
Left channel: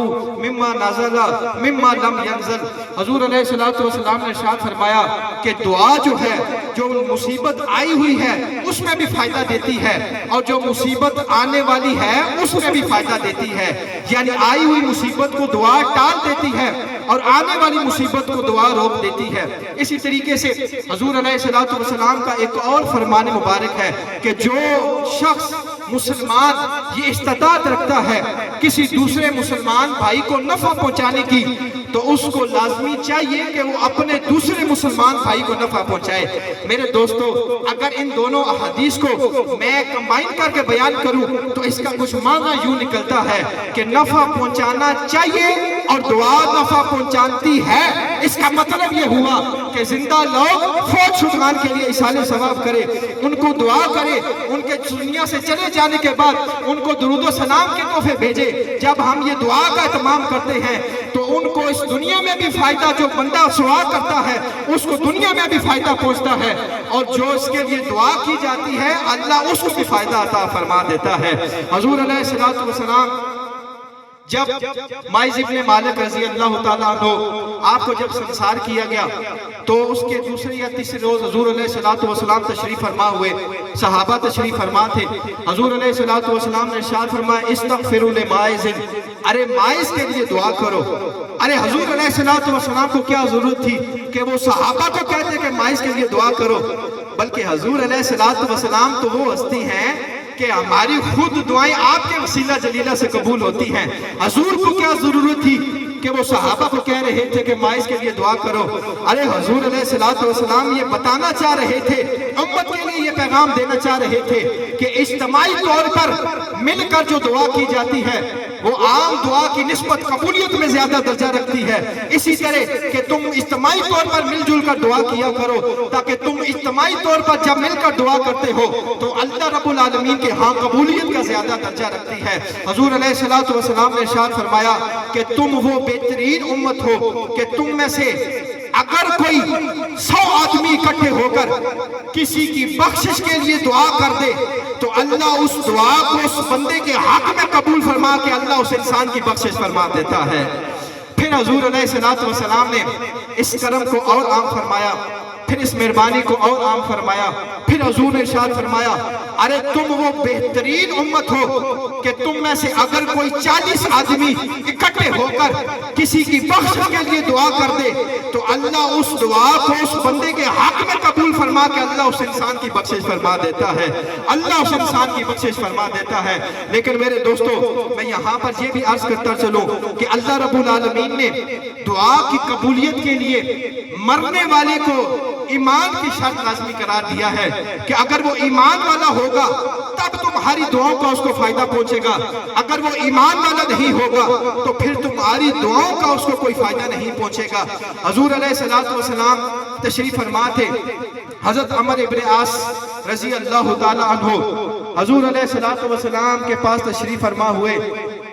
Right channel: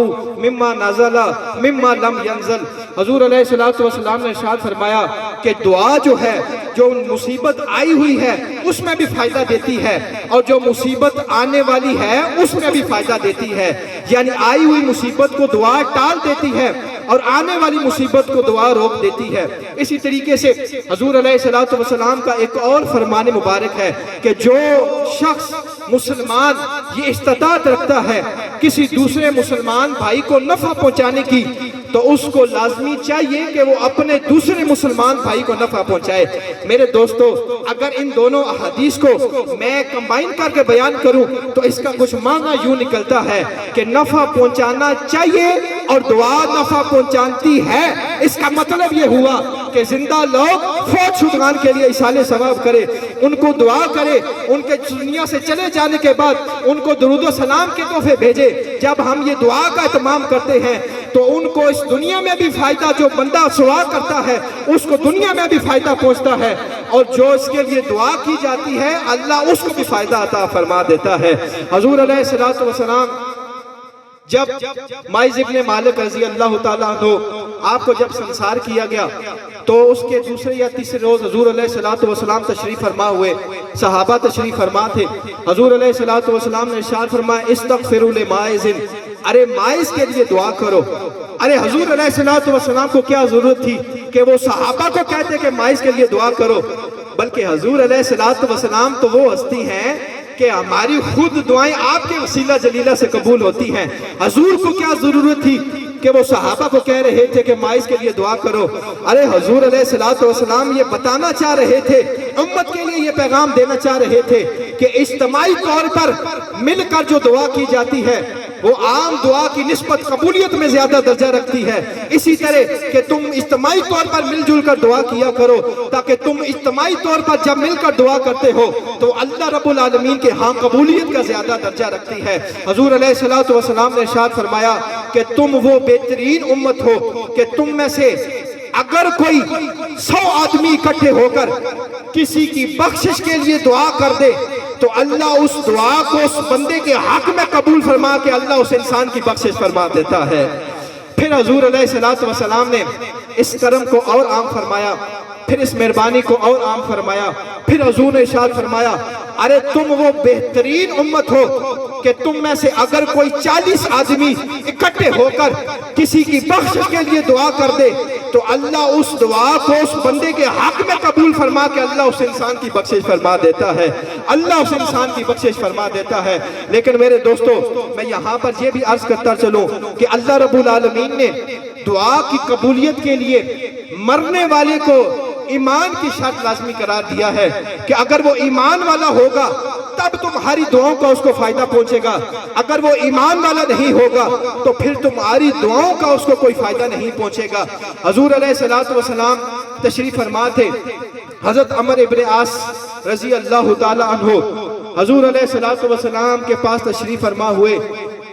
مما نزل مما لم ينزل۔ حضور علیہ السلام نے ارشاد فرمایا کہ دعا جو ہے، جو مصیبت آئی ہوئی ہے اس میں بھی فائدہ دیتی ہے، اور جو مصیبت آنے والی ہے اس میں بھی فائدہ دیتی ہے۔ یعنی آئی ہوئی مصیبت کو دعا ٹال دیتی ہے اور آنے والی مصیبت کو دعا روک دیتی ہے۔ اسی طریقے سے حضور علیہ السلام کا ایک اور فرمان مبارک ہے کہ جو شخص مسلمان یہ استطاعت رکھتا ہے کسی دوسرے مسلمان بھائی کو نفع پہنچانے کی تو اس کو لازمی چاہیے کہ وہ اپنے دوسرے مسلمان بھائی کو نفع پہنچائے۔ میرے دوستو، اگر ان دونوں احادیث کو میں کمبائن کر کے بیان کروں تو اس کا کچھ معنی یوں نکلتا ہے کہ نفع پہنچانا چاہیے اور دعا نفع پہنچانتی ہے۔ اس کا مطلب یہ ہوا کہ زندہ لوگ فوت شدگان کے لیے اصال ثواب کرے، ان کو دعا کرے، ان کے دنیا سے چلے جانے کے بعد ان کو درود و سلام کے تحفے بھیجے۔ جب ہم یہ دعا کا اہتمام کرتے ہیں تو ان کو اس دنیا میں بھی فائدہ، جو بندہ دعا کرتا ہے اس کو دنیا میں بھی فائدہ پہنچتا ہے، اور جو اس کے لیے دعا کی جاتی ہے اللہ اس کو بھی فائدہ عطا فرما دیتا ہے۔ حضور علیہ السلام جب مائز ابن مالک رضی اللہ تعالیٰ عنہ آپ کو جب سنسار کیا گیا تو اس کے دوسرے یا تیسرے روز حضور علیہ السلام تشریف فرما ہوئے، صحابہ تشریف فرما تھے۔ حضور علیہ السلام نے ارشاد فرمایا استغفروا لمائز، ارے مائز کے لیے دعا کرو۔ ارے حضور علیہ السلام کو کیا ضرورت تھی کہ وہ صحابہ کو کہتے کہ مائز کے لیے دعا کرو، بلکہ حضور علیہ السلام تو وہ ہستی ہیں کہ ہماری خود دعائیں آپ کے وسیلہ جلیلہ سے قبول ہوتی ہیں۔ حضور کو کیا ضرورت تھی کہ وہ صحابہ کو کہہ رہے تھے کہ مائز کے لیے دعا کرو. ارے حضور علیہ الصلوۃ والسلام یہ بتانا چاہ رہے تھے، امت کے لیے یہ پیغام دینا چاہ رہے تھے کہ اجتماعی طور پر مل کر جو دعا کی جاتی ہے وہ عام دعا کی نسبت قبولیت میں زیادہ درجہ رکھتی ہے. اسی طرح کہ تم اجتماعی طور پر مل جل کر دعا کیا کرو، تاکہ تم اجتماعی طور پر جب مل کر دعا کرتے ہو تو اللہ رب العالمین کے ہاں قبولیت کا زیادہ درجہ رکھتی ہے. حضور علیہ الصلوۃ والسلام نے ارشاد فرمایا کہ تم وہ بہترین امت ہو کہ تم میں سے اگر کوئی 100 آدمی اکٹھے ہو کر کسی کی بخشش کے لیے دعا کر دے تو اللہ اس دعا کو اس بندے کے حق میں قبول فرما کے اللہ اس انسان کی بخشش فرما دیتا ہے. پھر حضور علیہ الصلوۃ والسلام نے اس کرم کو اور عام فرمایا، پھر اس مہربانی کو اور عام فرمایا. پھر حضور نے ارشاد فرمایا ارے تم وہ بہترین امت ہو کہ تم میں سے اگر کوئی 40 آدمی اکٹھے ہو کر کسی کی بخشش کے لیے دعا کر دے تو اللہ اس دعا کو اس بندے کے حق میں قبول فرما کے اللہ اس انسان کی بخشش فرما دیتا ہے. اللہ اس انسان کی بخشش فرما دیتا ہے. لیکن میرے دوستو، میں یہاں پر یہ بھی عرض کرتا چلوں کہ اللہ رب العالمین نے دعا کی قبولیت کے لیے مرنے والے کو ایمان کی شرط لازمی قرار دیا ہے کہ اگر وہ ایمان والا ہوگا تب تمہاری دعاؤں کا اس کو فائدہ پہنچے گا. اگر وہ ایمان والا نہیں ہوگا تو پھر تمہاری دعاؤں کا اس کو کوئی فائدہ نہیں پہنچے گا. حضور علیہ الصلوۃ والسلام تشریف فرما تھے. حضرت عمر ابن عاص رضی اللہ تعالی عنہ حضور علیہ الصلوۃ والسلام کے پاس تشریف فرما ہوئے.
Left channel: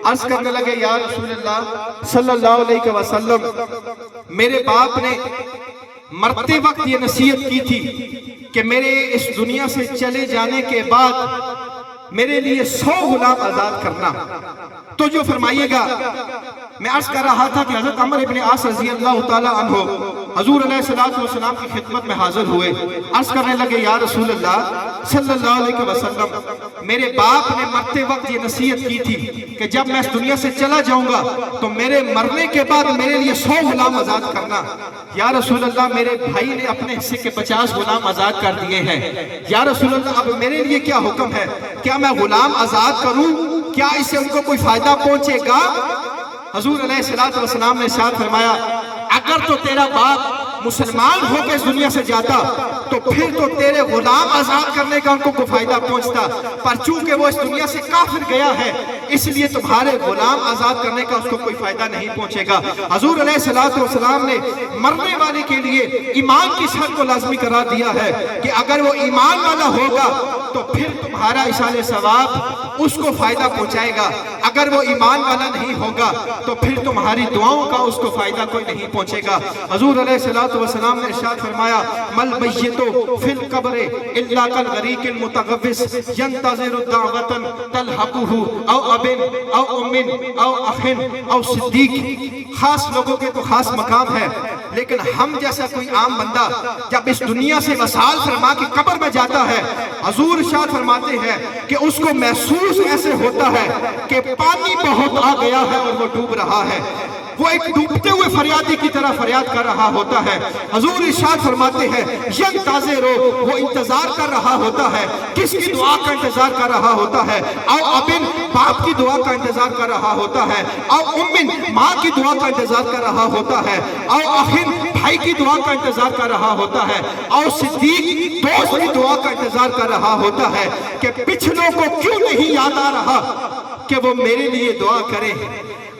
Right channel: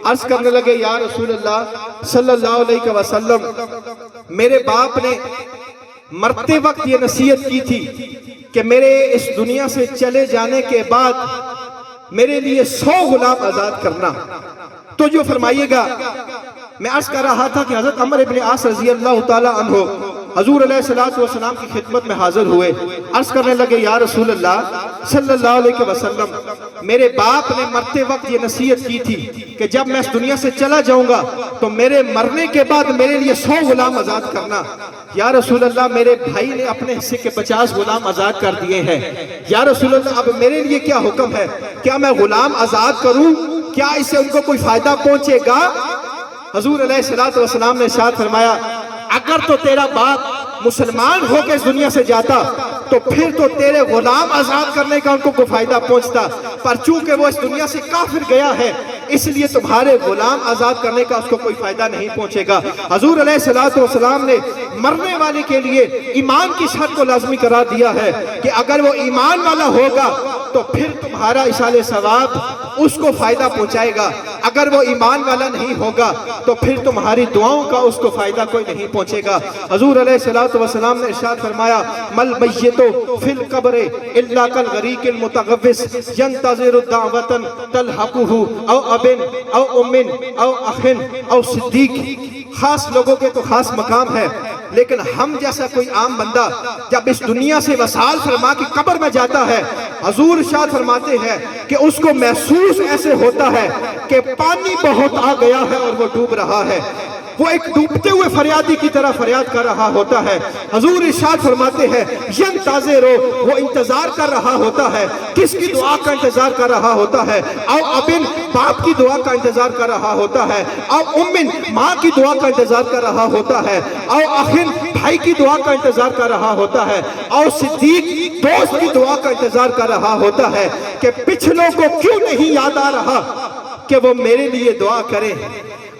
عرض کرنے لگے یا رسول اللہ صلی اللہ علیہ وسلم، میرے باپ نے مرتے وقت یہ نصیحت کی تھی کہ میرے اس دنیا سے چلے جانے کے بعد میرے لیے 100 غلام آزاد کرنا. تو جو فرمائیے گا، میں عرض کر رہا تھا کہ حضرت عمر ابن عاص رضی اللہ تعالی عنہ حضور علیہ الصلوۃ والسلام کی خدمت میں حاضر ہوئے. عرض کرنے لگے یا رسول اللہ صلی اللہ علیہ وسلم، میرے باپ نے مرتے وقت یہ نصیحت کی تھی کہ جب میں اس دنیا سے چلا جاؤں گا تو میرے مرنے کے بعد میرے لیے 100 غلام آزاد کرنا. یا رسول اللہ، میرے بھائی نے اپنے حصے کے 50 غلام آزاد کر دیے ہیں. یا رسول اللہ، اب میرے لیے کیا حکم ہے؟ کیا میں غلام آزاد کروں؟ کیا اس سے ان کو کوئی فائدہ پہنچے گا؟ حضور علیہ الصلوۃ والسلام نے ارشاد فرمایا اگر تو تیرا باپ مسلمان ہو کے اس دنیا سے جاتا تو پھر تو تیرے غلام آزاد کرنے کا ان کو کوئی فائدہ پہنچتا، پر چونکہ وہ اس دنیا سے کافر گیا ہے اس لیے تمہارے غلام آزاد کرنے کا اس کو کوئی فائدہ نہیں پہنچے گا. حضور علیہ الصلوۃ والسلام نے مرنے والے کے لیے ایمان کی شرط کو لازمی قرار دیا ہے کہ اگر وہ ایمان والا ہوگا تو پھر تمہارا ایصال ثواب اس کو فائدہ پہنچائے گا. اگر وہ ایمان والا نہیں ہوگا تو پھر تمہاری دعاؤں کا اس کو فائدہ کوئی نہیں پہنچے گا. حضور علیہ الصلوۃ والسلام نے ارشاد فرمایا مل میت فی القبر الا کالغریق المتغوص ينتظر الدعوة تلحقه او اب او ام او اخ او صدیق. خاص لوگوں کے تو خاص مقام ہے، لیکن ہم جیسا کوئی عام بندہ جب اس دنیا سے وصال فرما کی قبر میں جاتا ہے، حضور ارشاد فرماتے ہیں کہ اس کو محسوس ایسے ہوتا ہے کہ پانی بہت آ گیا ہے اور وہ ڈوب رہا ہے. وہ ایک ڈوبتے ہوئے فریادی کی طرح فریاد کر رہا ہوتا ہے. حضور ارشاد فرماتے ہیں ینتظر، وہ انتظار کر رہا ہوتا ہے. کس کی دعا کا انتظار کر رہا ہوتا ہے؟ او ابن، باپ کی دعا کا انتظار کر رہا ہوتا ہے. او امن، ماں کی دعا کا انتظار کر رہا ہوتا ہے. او اخن، بھائی کی دعا کا انتظار کر رہا ہوتا ہے. او صدیق، دوست کی دعا کا انتظار کر رہا ہوتا ہے کہ پچھلوں کو کیوں نہیں یاد آ رہا کہ وہ میرے لیے دعا کریں.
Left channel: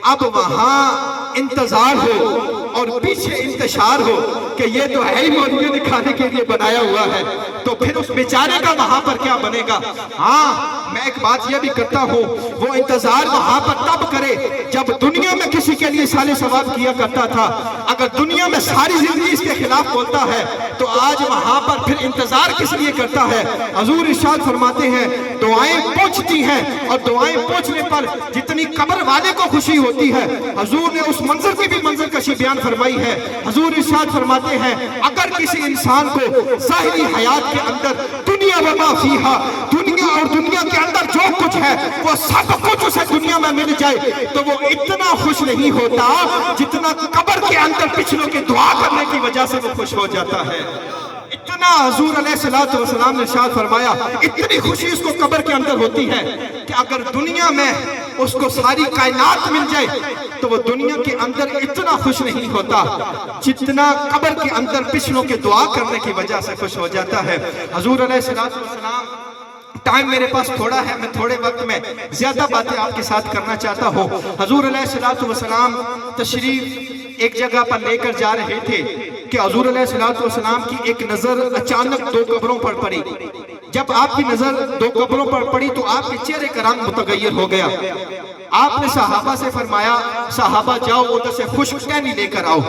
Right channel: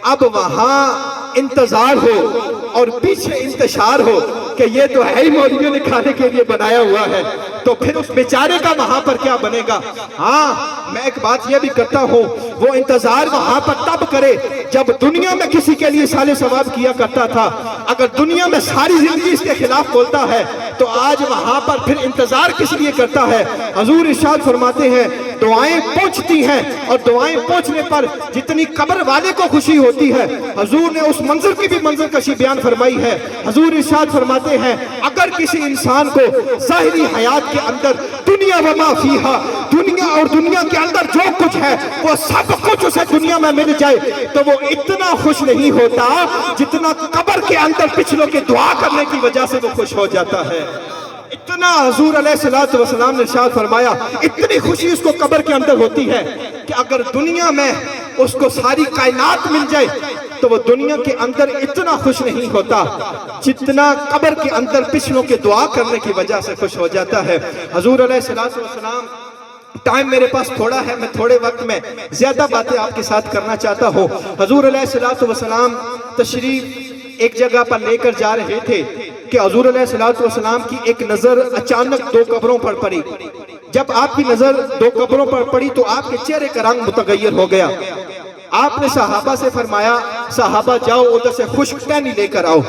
اب وہاں انتظار ہو اور پیچھے انتشار ہو کہ یہ تو ہے ہی مولویوں نے کھانے کے لیے بنایا ہوا ہے، تو پھر اس بیچارے کا وہاں پر کیا بنے گا؟ ہاں، میں ایک بات یہ بھی کرتا ہوں، وہ انتظار وہاں پر تب کرے جب دنیا میں کسی کے لیے سال ثواب کیا کرتا تھا. اگر دنیا میں ساری زندگی اس کے خلاف بولتا ہے تو آج وہاں پر پھر انتظار کس لیے کرتا ہے؟ حضور ارشاد فرماتے ہیں دعائیں پہنچتی ہیں اور دعائیں پہنچنے پر جتنی قبر والے کو خوشی ہوتی ہے، حضور نے اس منظر کی بھی منظر کشی بیان فرمائی ہے. حضور ارشاد فرماتے ہیں اگر کسی انسان کو ظاہری حیات کے اندر دنیا و ما فیہا، دنیا اور دنیا کے اندر جو کچھ ہے وہ سب کچھ اسے دنیا میں مل جائے تو وہ اتنا خوش نہیں ہوتا جتنا قبر کے اندر پچھلوں کے دعا کرنے کی وجہ سے وہ خوش ہو جاتا ہے. اتنا حضور علیہ الصلوۃ والسلام نے ارشاد فرمایا اتنی خوشی اس کو قبر کے اندر ہوتی ہے کہ اگر دنیا میں اس کو ساری کائنات مل جائے تو وہ دنیا کے اندر اتنا خوش نہیں ہوتا جتنا قبر کے اندر پچھلوں کے دعا کرنے کی وجہ سے خوش ہو جاتا ہے۔ حضور علیہ السلام، ٹائم میرے پاس تھوڑا ہے، میں تھوڑے وقت میں زیادہ باتیں آپ کے ساتھ کرنا چاہتا ہوں۔ حضور علیہ السلام تشریف ایک جگہ پر لے کر جا رہے تھے کہ حضور علیہ السلام کی ایک نظر اچانک 2 قبروں پر پڑی۔ جب آپ کی نظر 2 قبروں پر پڑی تو آپ کے چہرے کا رنگ متغیر ہو گیا۔ آپ نے صحابہ سے فرمایا، صحابہ جاؤ ادھر سے خشک ٹہنی لے کر آؤ۔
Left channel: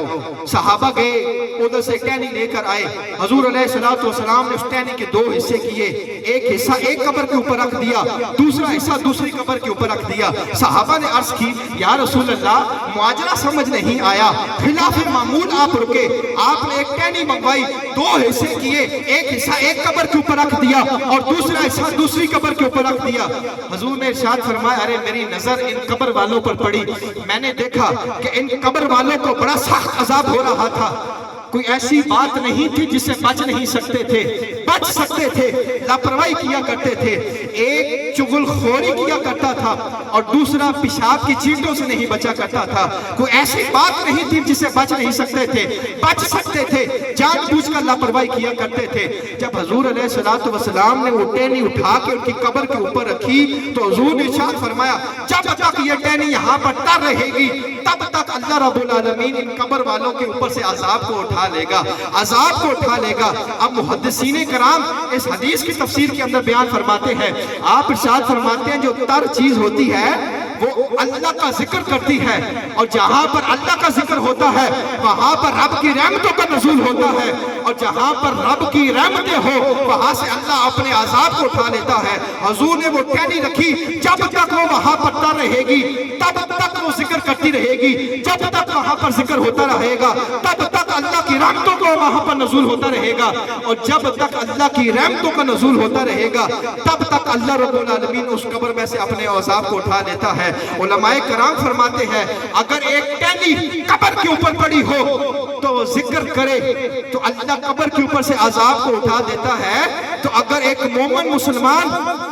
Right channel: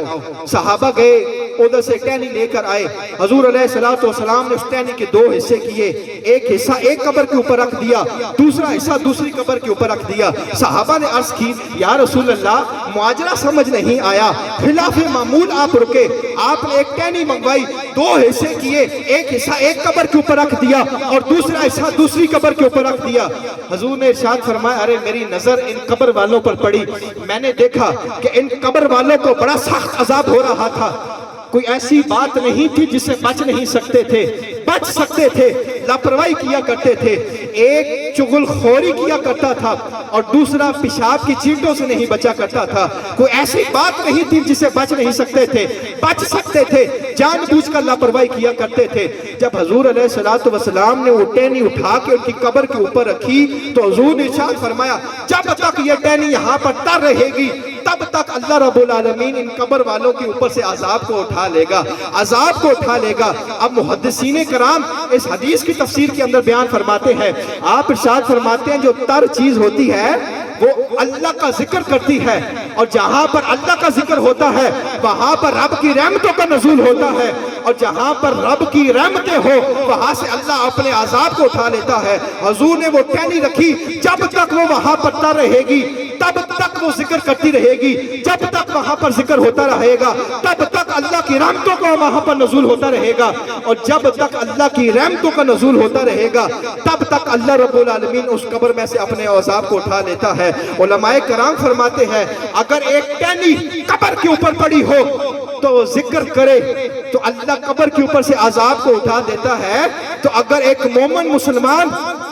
صحابہ گئے، ادھر سے ٹہنی لے کر آئے۔ حضور علیہ السلام نے اس ٹہنی کے 2 حصے کیے، ایک حصہ ایک قبر کے اوپر رکھ دیا، دوسرا حصہ دوسری قبر کے اوپر رکھ دیا۔ صحابہ نے عرض کی، یا رسول اللہ معاجرہ سمجھ نہیں آیا، خلاف معمول آپ رکے، آپ نے ایک ٹہنی منگوائی، 2 حصے کیے، ایک حصہ ایک قبر کے اوپر رکھ دیا اور دوسرا حصہ دوسری قبر کے اوپر رکھ دیا۔ حضور نے ارشاد فرمایا، ارے میری نظر ان قبر والوں پر پڑی، میں نے دیکھا کہ ان قبر والوں کو بڑا سخت عذاب ہو رہا تھا، کوئی ایسی بات نہیں تھی جس سے بچ نہیں سکتے تھے، بچ سکتے تھے، لاپرواہی کیا کرتے تھے، ایک چغل خوری کیا کرتا تھا اور دوسرا پیشاب کی چیٹوں سے نہیں بچا کرتا تھا، کوئی ایسی بات نہیں تھی جس سے بچ نہیں سکتے تھے، بچ سکتے تھے، جان بوجھ کر لاپرواہی کیا کرتے تھے۔ جب حضور علیہ السلام نے وہ ٹہنی اٹھا کے ان کی قبر کے اوپر رکھی تو حضور نے ارشاد فرمایا، جب تک یہ ٹہنی یہاں پر تر رہے گی تب تک اللہ رب العالمین ان قبر والوں کے اوپر سے عذاب کو اٹھا لے گا، عذاب کو اٹھا لے گا۔ اب محدثین کرام اس حدیث کی تفسیر کے اندر بیان فرماتے ہیں، آپ ارشاد فرماتے ہیں جو تر چیز ہوتی ہے وہ اللہ کا ذکر کرتی ہے، اور جہاں پر اللہ کا ذکر ہوتا ہے وہاں پر رب کی رحمتوں کا نزول ہوتا ہے، اور جہاں پر رب کی رحمتیں ہو وہاں سے اللہ اپنے عذاب کو اٹھا لیتا ہے۔ حضور نے وہ ٹہنی رکھی، جب تک وہ وہاں پر تر رہے گی تب تک وہ ذکر کرتی رہے گی، جب تک وہاں پر ذکر ہوتا رہے گا تب تک اللہ کی رحمتوں کا وہاں پر نزول ہوتا رہے گا، اور جب تک اللہ کی رحمتوں کا نزول ہوتا رہے گا تب تک اللہ رب العالمین اس قبر میں سے اپنے عذاب کو اٹھا لیتا ہے۔ علماء کرام فرماتے ہیں اگر ایک ٹہنی قبر کے اوپر پڑی ہو تو وہ ذکر کرے تو اللہ قبر کے اوپر سے عذاب کو اٹھا دیتا ہے، تو اگر ایک مومن مسلمان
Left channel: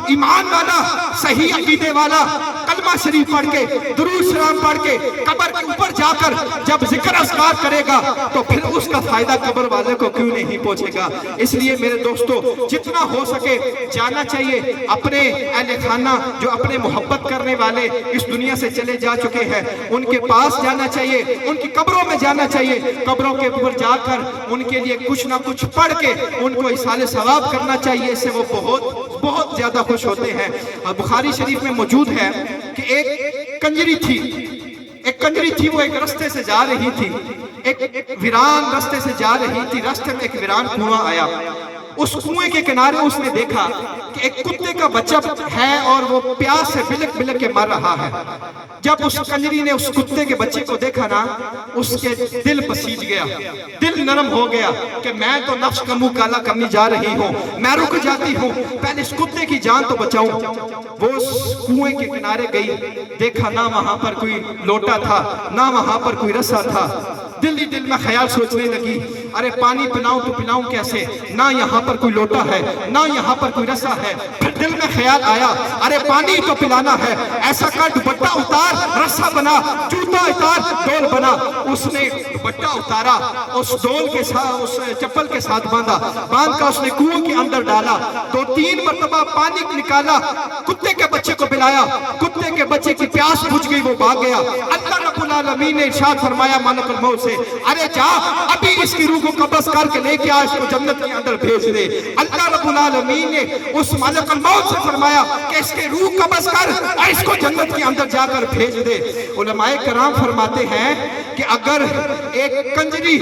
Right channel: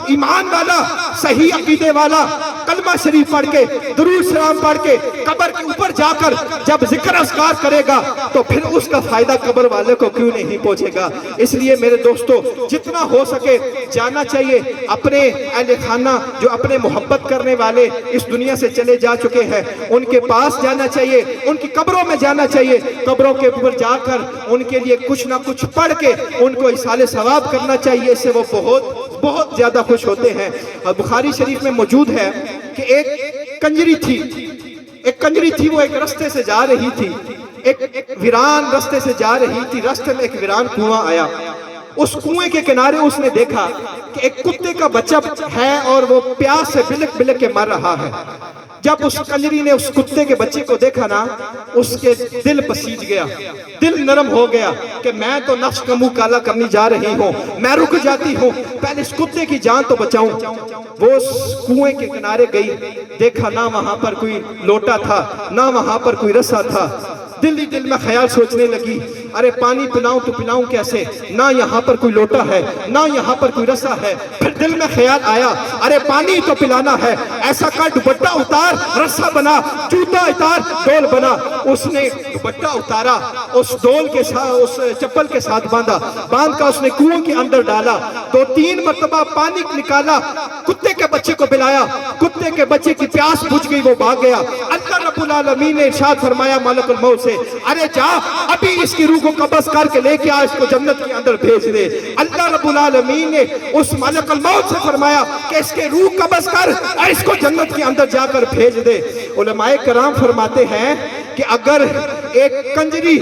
ایمان والا صحیح عقیدے والا کلمہ شریف پڑھ کے درود سلام پڑھ کے قبر کے اوپر جا کر جب ذکر اذکار کرے گا تو پھر اس کا فائدہ قبر والے کو کیوں نہیں پہنچے گا۔ اس لیے میرے دوستو جتنا ہو سکے جانا چاہیے اپنے اہل خانہ جو اپنے محبت کرنے والے اس دنیا سے چلے جا چکے ہیں ان کے پاس جانا چاہیے، ان کی قبروں میں جانا چاہیے، قبروں کے اوپر جا کر ان کے لیے کچھ نہ کچھ پڑھ کے ان کو احسان ثواب کرنا چاہیے، اس سے وہ بہت زیادہ خوش ہوتے ہیں۔ بخاری شریف میں موجود ہے کہ ایک کنجری تھی، وہ ایک رستے سے جا رہی تھی، ایک ویران رستے سے جا رہی تھی، رستے میں ایک ویران کنواں آیا، اس کنویں کے کنارے اس نے دیکھا کہ ایک کتے کا بچہ ہے اور وہ پیاس سے بلک بلک کے مر رہا ہے۔ جب اس کنجری نے اس کتے کے بچے کو دیکھا نا اس کے دل پسیج گیا، دل نرم ہو گیا کہ میں تو نفس کا منہ کالا کرنے جا رہی ہوں، میں رک جاتی ہوں، پہلے اس کتے کی جان تو بچاؤں۔ وہ اس کنویں کے کنارے گئی، دیکھا نہ وہاں پر کوئی لوٹا تھا نہ وہاں پر کوئی رسا تھا، دل ہی دل میں خیال سوچنے لگی ارے پانی پلاؤں تو پلاؤں کیسے، نہ یہاں پر کوئی لوٹا ہے نہ یہاں پر کوئی رسا ہے۔ پھر دل میں خیال آیا ارے پانی تو پلانا ہے، ایسا کر دوپٹہ اتار رسا بنا، جوتا اتار ڈول بنا۔ اس نے دوپٹہ اتارا، اس ڈول کے ساتھ اس چپل کے ساتھ باندھ کر اس نے کنویں کے اندر ڈالا، 2-3 مرتبہ پانی نکالا، کتے کے بچے کو پلایا، کتے کے بچے کی پیاس بجھ گئی، وہ بھاگ گیا۔ اللہ رب العالمین نے ارشاد فرمایا ملک الموت سے ارے جا ابھی اس کی روح کو قبض کر کے لے کے آ، اس کو جنت کے اندر بھیج دے۔ اللہ رب العالمین نے اس ملک الموت سے فرمایا کہ اس کے روح قبض کر اور اس کو جنت کے اندر جا کر بھیج دے۔ علماء کرام فرماتے ہیں کہ اگر ایک کنجری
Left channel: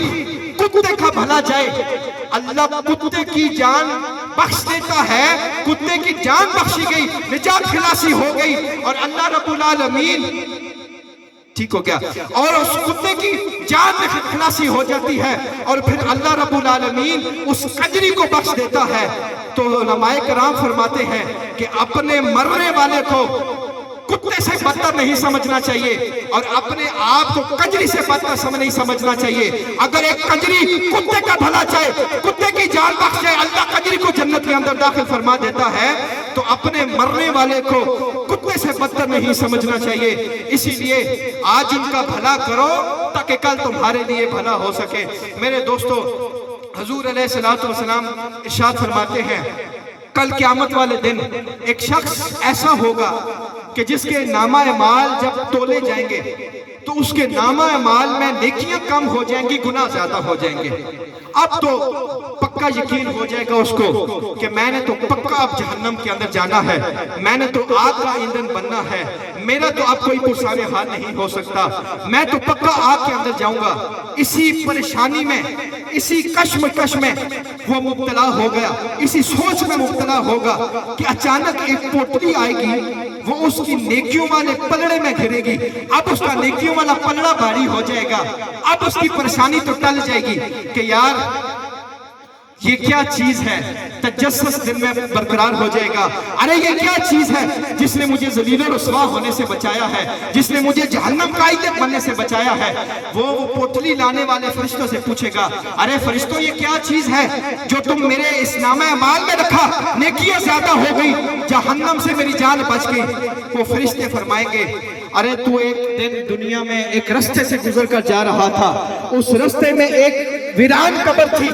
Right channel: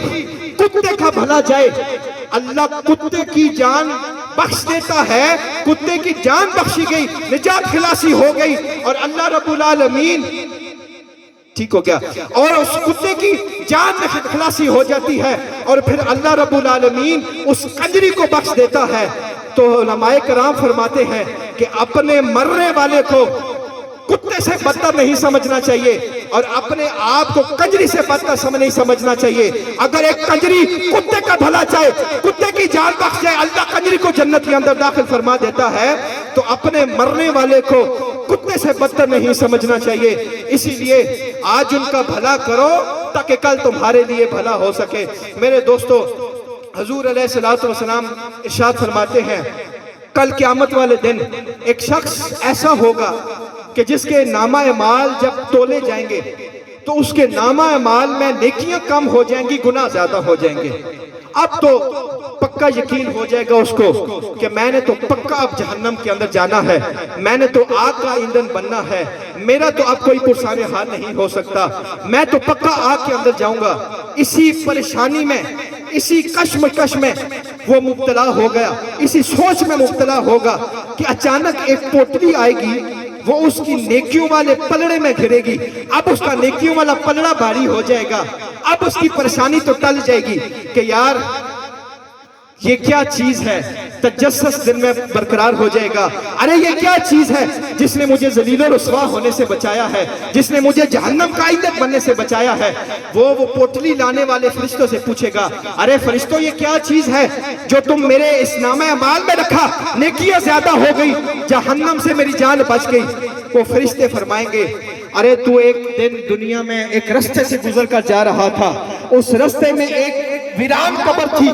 کتے کا بھلا جائے اللہ کتے کی جان بخش دیتا ہے، کتے کی جان بخشی گئی، نجات خلاصی ہو گئی اور اللہ رب العالمین ٹھیک ہو گیا اور اس کتے کی جان میں خلاصی ہو جاتی ہے اور پھر اللہ رب العالمین اس کنجری کو بخش دیتا ہے۔ تو علماء کرام فرماتے ہیں کہ اپنے مرنے والے کو کتے سے بدتر نہیں سمجھنا چاہیے اور اپنے آپ کو کنجری سے بدتر نہیں سمجھنا چاہیے۔ اگر ایک کنجری کتے کا بھلا چاہے، کتے کی جان بخش جائے، اللہ کنجری کو جنت کے اندر داخل فرما دیتا ہے، تو اپنے مرنے والے کو کتے سے بدتر نہیں سمجھنا چاہیے. اسی لیے آج ان کا بھلا کرو تاکہ کل تمہارے لیے بھلا ہو سکے. میرے دوستو، حضور علیہ الصلوۃ والسلام ارشاد فرماتے ہیں کل قیامت والے دن ایک شخص ایسا ہوگا کہ جس کے نامہ اعمال جب تولے جائیں گے تو اس کے نامہ اعمال میں نیکیاں کم ہو جائیں گی، گناہ زیادہ ہو جائیں گے. اب تو پکا یقین ہو جائے گا اس کو کہ میں نے تو پکا اب جہنم کے اندر جانا ہے، میں نے تو آگ کا ایندھن بننا ہے، میرا تو اب کوئی پرسان حال نہیں ہو سکتا، میں تو پکا آگ کے اندر جاؤں گا. اسی پریشانی میں، اسی کشمکش میں وہ مبتلا ہو گیا، اسی سوچ میں مبتلا ہوگا کہ اچانک ایک پوٹلی آئے گی، وہ اس کی نیکیوں والے پلڑے میں گھرے گی. اب اس کا نیکیوں والا پلڑا بھاری ہو جائے گا، اب اس کی پریشانی تو ٹل جائے گی کہ یار یہ کیا چیز ہے. تجسس دن میں برقرار ہو جائے گا. ارے یہ کیا چیز ہے جس نے مجھے ذلیل و رسوا ہونے سے بچایا ہے، جس نے مجھے جہنم کا ایندھن بننے سے بچایا ہے. وہ پوٹلی لانے والے فرشتوں سے پوچھے گا ارے فرشتوں یہ کیا چیز ہے جو تم میرے اس نامہ اعمال میں رکھا، نیکیاں زیادہ ہو گئی، جہنم سے میری جان بچ گئی. وہ فرشتے فرمائیں گے ارے تو ایک دن دنیا میں ایک رستے سے گزر کر جا رہا تھا، اس رستے میں ایک ویران قبر تھی،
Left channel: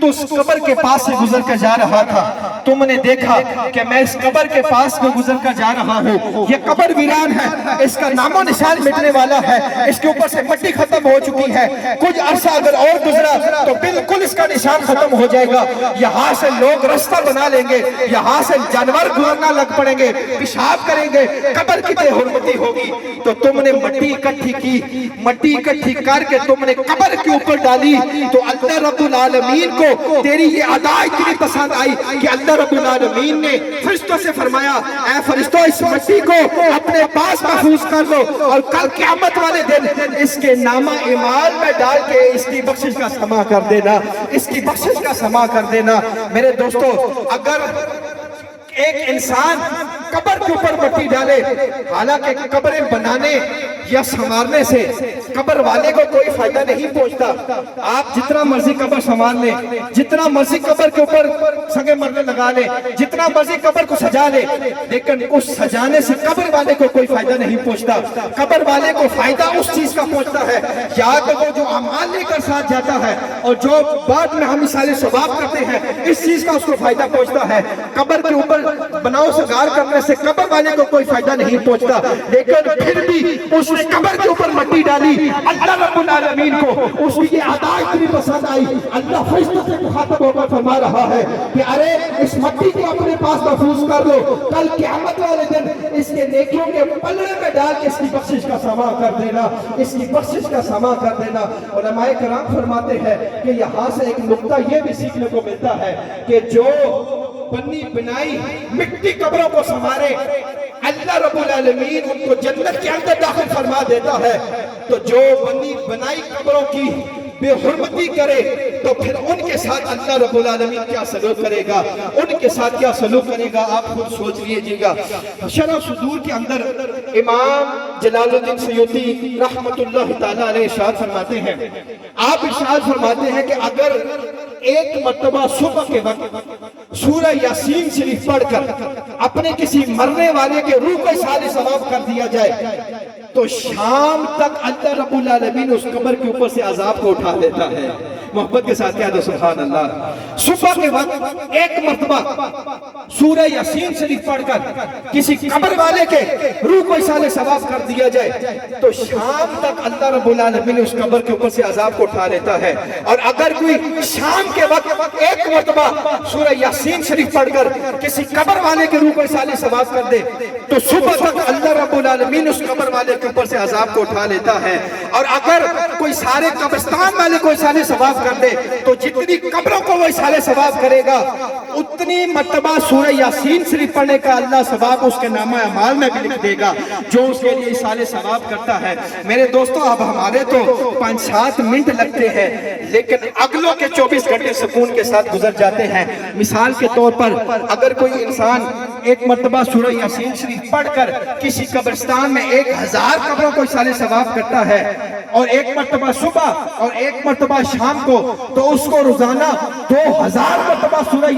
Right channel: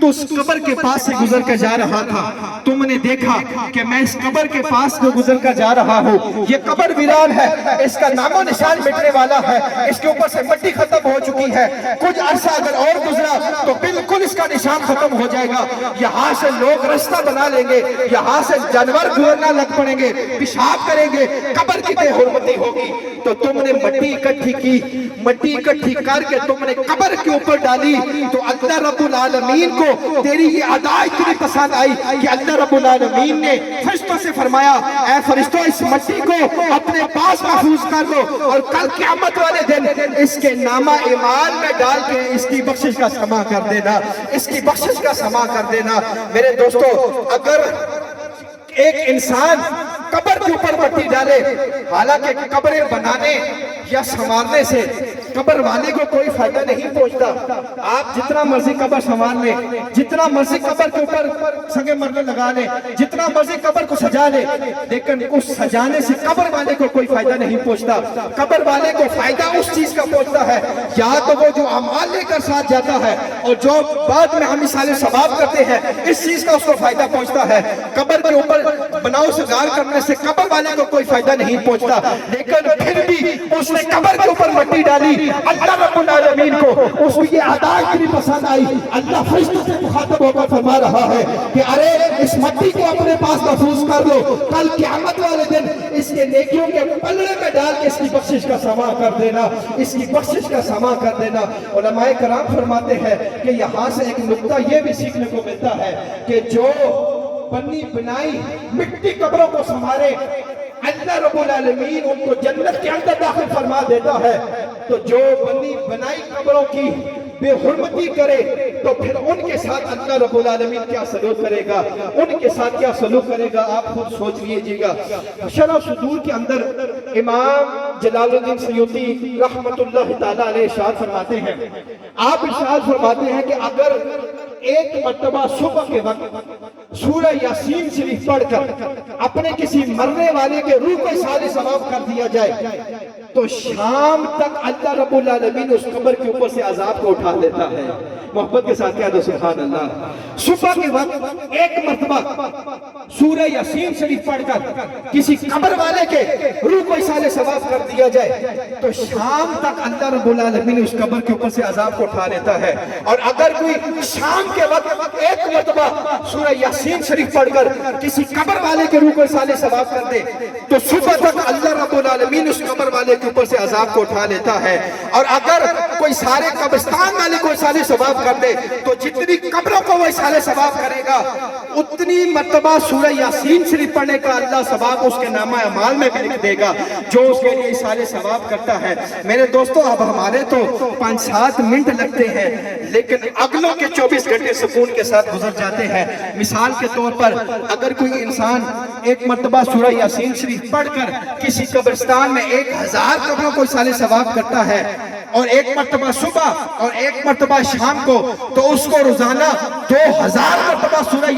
تو اس قبر کے پاس سے گزر کر جا رہا تھا، تم نے دیکھا کہ میں اس قبر کے پاس میں گزر کر جا رہا ہوں، یہ قبر ویران ہے، اس کا نام و نشان مٹنے والا ہے، اس کے اوپر سے مٹی ختم ہو چکی ہے، کچھ عرصہ اگر اور گزرا تو بالکل اس کا نشان ختم ہو جائے گا. یہاں سے لوگ رستہ بنا لیں گے، یہاں سے جانور گزرنا لگ پڑیں گے، پیشاب کریں گے، قبر کی بے حرمتی ہوگی. تو تم نے مٹی اکٹھی کی، مٹی اکٹھی کر کے تم نے قبر کے اوپر ڈالی، تو اللہ رب العالمین کو تیری یہ ادا اتنی پسند آئی کہ اللہ رب العالمین نے فرشتوں سے فرمایا اے فرشتوں اس مٹی کو اپنے پاس محفوظ کر لو اور کل قیامت والے دن اس کے نامہ اعمال میں ڈال کے اس کی بخشش کا سما کر دینا، اس کی بخشش کا سما کر دینا. میرے دوستو، اگر ایک انسان قبر کے اوپر مٹی ڈالے، حالانکہ قبریں بنانے یا سنوارنے سے قبر والے کو کوئی فائدہ نہیں پہنچتا. آپ جتنا مرضی قبر سنوار لیں، جتنا مرضی قبر کے اوپر سنگے مرنے لگا لیں، جتنا مرضی قبر کو سجا لیں، لیکن اس سجانے سے قبر والے کو کوئی فائدہ نہیں پہنچتا. قبر والے کو فائدہ اس چیز کا پہنچتا ہے یا تو وہ جو اعمال لے کر ساتھ جاتا ہے اور جو بعد میں ہم مثال ثواب کرتے ہیں، اس چیز کا اس کو فائدہ پہنچتا ہے. قبر کے اوپر بناؤ سگار کرنے سے قبر والے کو کوئی فائدہ نہیں پہنچتا، لیکن پھر بھی اس نے قبر کے اوپر مٹی ڈالی. اللہ رب العالمین کو اس کی یہ ادا اتنی پسند آئی، اللہ فرشتوں سے مخاطب ہو کر فرما رہا ہے کہ ارے اس مٹی کو اپنے پاس محفوظ کر لو، کل قیامت والے دن اس کے نیکیوں کے پلڑے میں ڈال کے اس کی بخشش کا سما کر دینا، اس کی بخشش کا سما کر دینا. علماء کرام فرماتے ہیں کہ یہاں سے ایک نقطہ یہ بھی سیکھنے کو ملتا ہے کہ جو بنی بنائی مٹی قبروں کو سنوارے، اللہ رب العالمین ان کو جنت کے اندر داخل فرما دیتا ہے. تو جو بنی بنائی قبروں کی بے حرمتی کرے تو پھر ان کے ساتھ اللہ رب العالمین کیا سلوک کرے گا، ان کے ساتھ کیا سلوک کرے گا، آپ خود سوچ لیجئے گا. شرح صدور کے اندر امام جلال الدین سیوطی رحمت اللہ تعالیٰ علیہ ارشاد فرماتے ہیں، آپ ارشاد فرماتے ہیں کہ اگر ایک مرتبہ صبح کے وقت سورہ یاسین شریف پڑھ کر اپنے کسی مرنے والے کے روح کا اصحال ثواب کر دیا جائے تو شام تک اللہ رب العالمین اس قبر کے اوپر سے عذاب کو اٹھا لیتا ہے. محبت کے ساتھ کہہ دو سبحان اللہ. صبح کے وقت ایک مرتبہ سورہ یاسین شریف پڑھ کر کسی قبر والے کے روح کو اصحال ثواب کر دیا جائے تو شام تک اللہ رب العالمین اس قبر کے اوپر سے عذاب کو اٹھا لیتا ہے. اور اگر کوئی شام کے وقت ایک مرتبہ سورہ یاسین شریف پڑھ کر کسی قبر والے کے روح کو اصحال ثواب کر دے تو صبح تک اللہ رب العالمین اس قبر والے کے اوپر سے عذاب کو اٹھا لیتا ہے. اور اگر کوئی سارے قبرستان والے کو اصحال ثواب کر دے تو جتنی قبروں کو وہ اصحال ثواب کرے گا اتنی مرتبہ سورہ یاسین شریف پڑھنے کا اللہ ثواب اس کے نامہ اعمال میں بھی لکھ دے گا جو اس کے لیے اصحال ثواب کرتا ہے. میرے دوستو، اب ہمارے تو 5-7 منٹ لگتے ہیں لیکن اگلوں کے 24 گھنٹے سکون کے ساتھ گزر جاتے ہیں. مثال کے طور پر اگر کوئی انسان ایک مرتبہ سورہ یاسین شریف پڑھ کر کسی قبرستان میں 1000 قبروں کو اصحال ثواب کرتا ہے اور ایک مرتبہ صبح اور ایک مرتبہ شام کو، تو اس کو روزانہ 2000 مرتبہ سورہ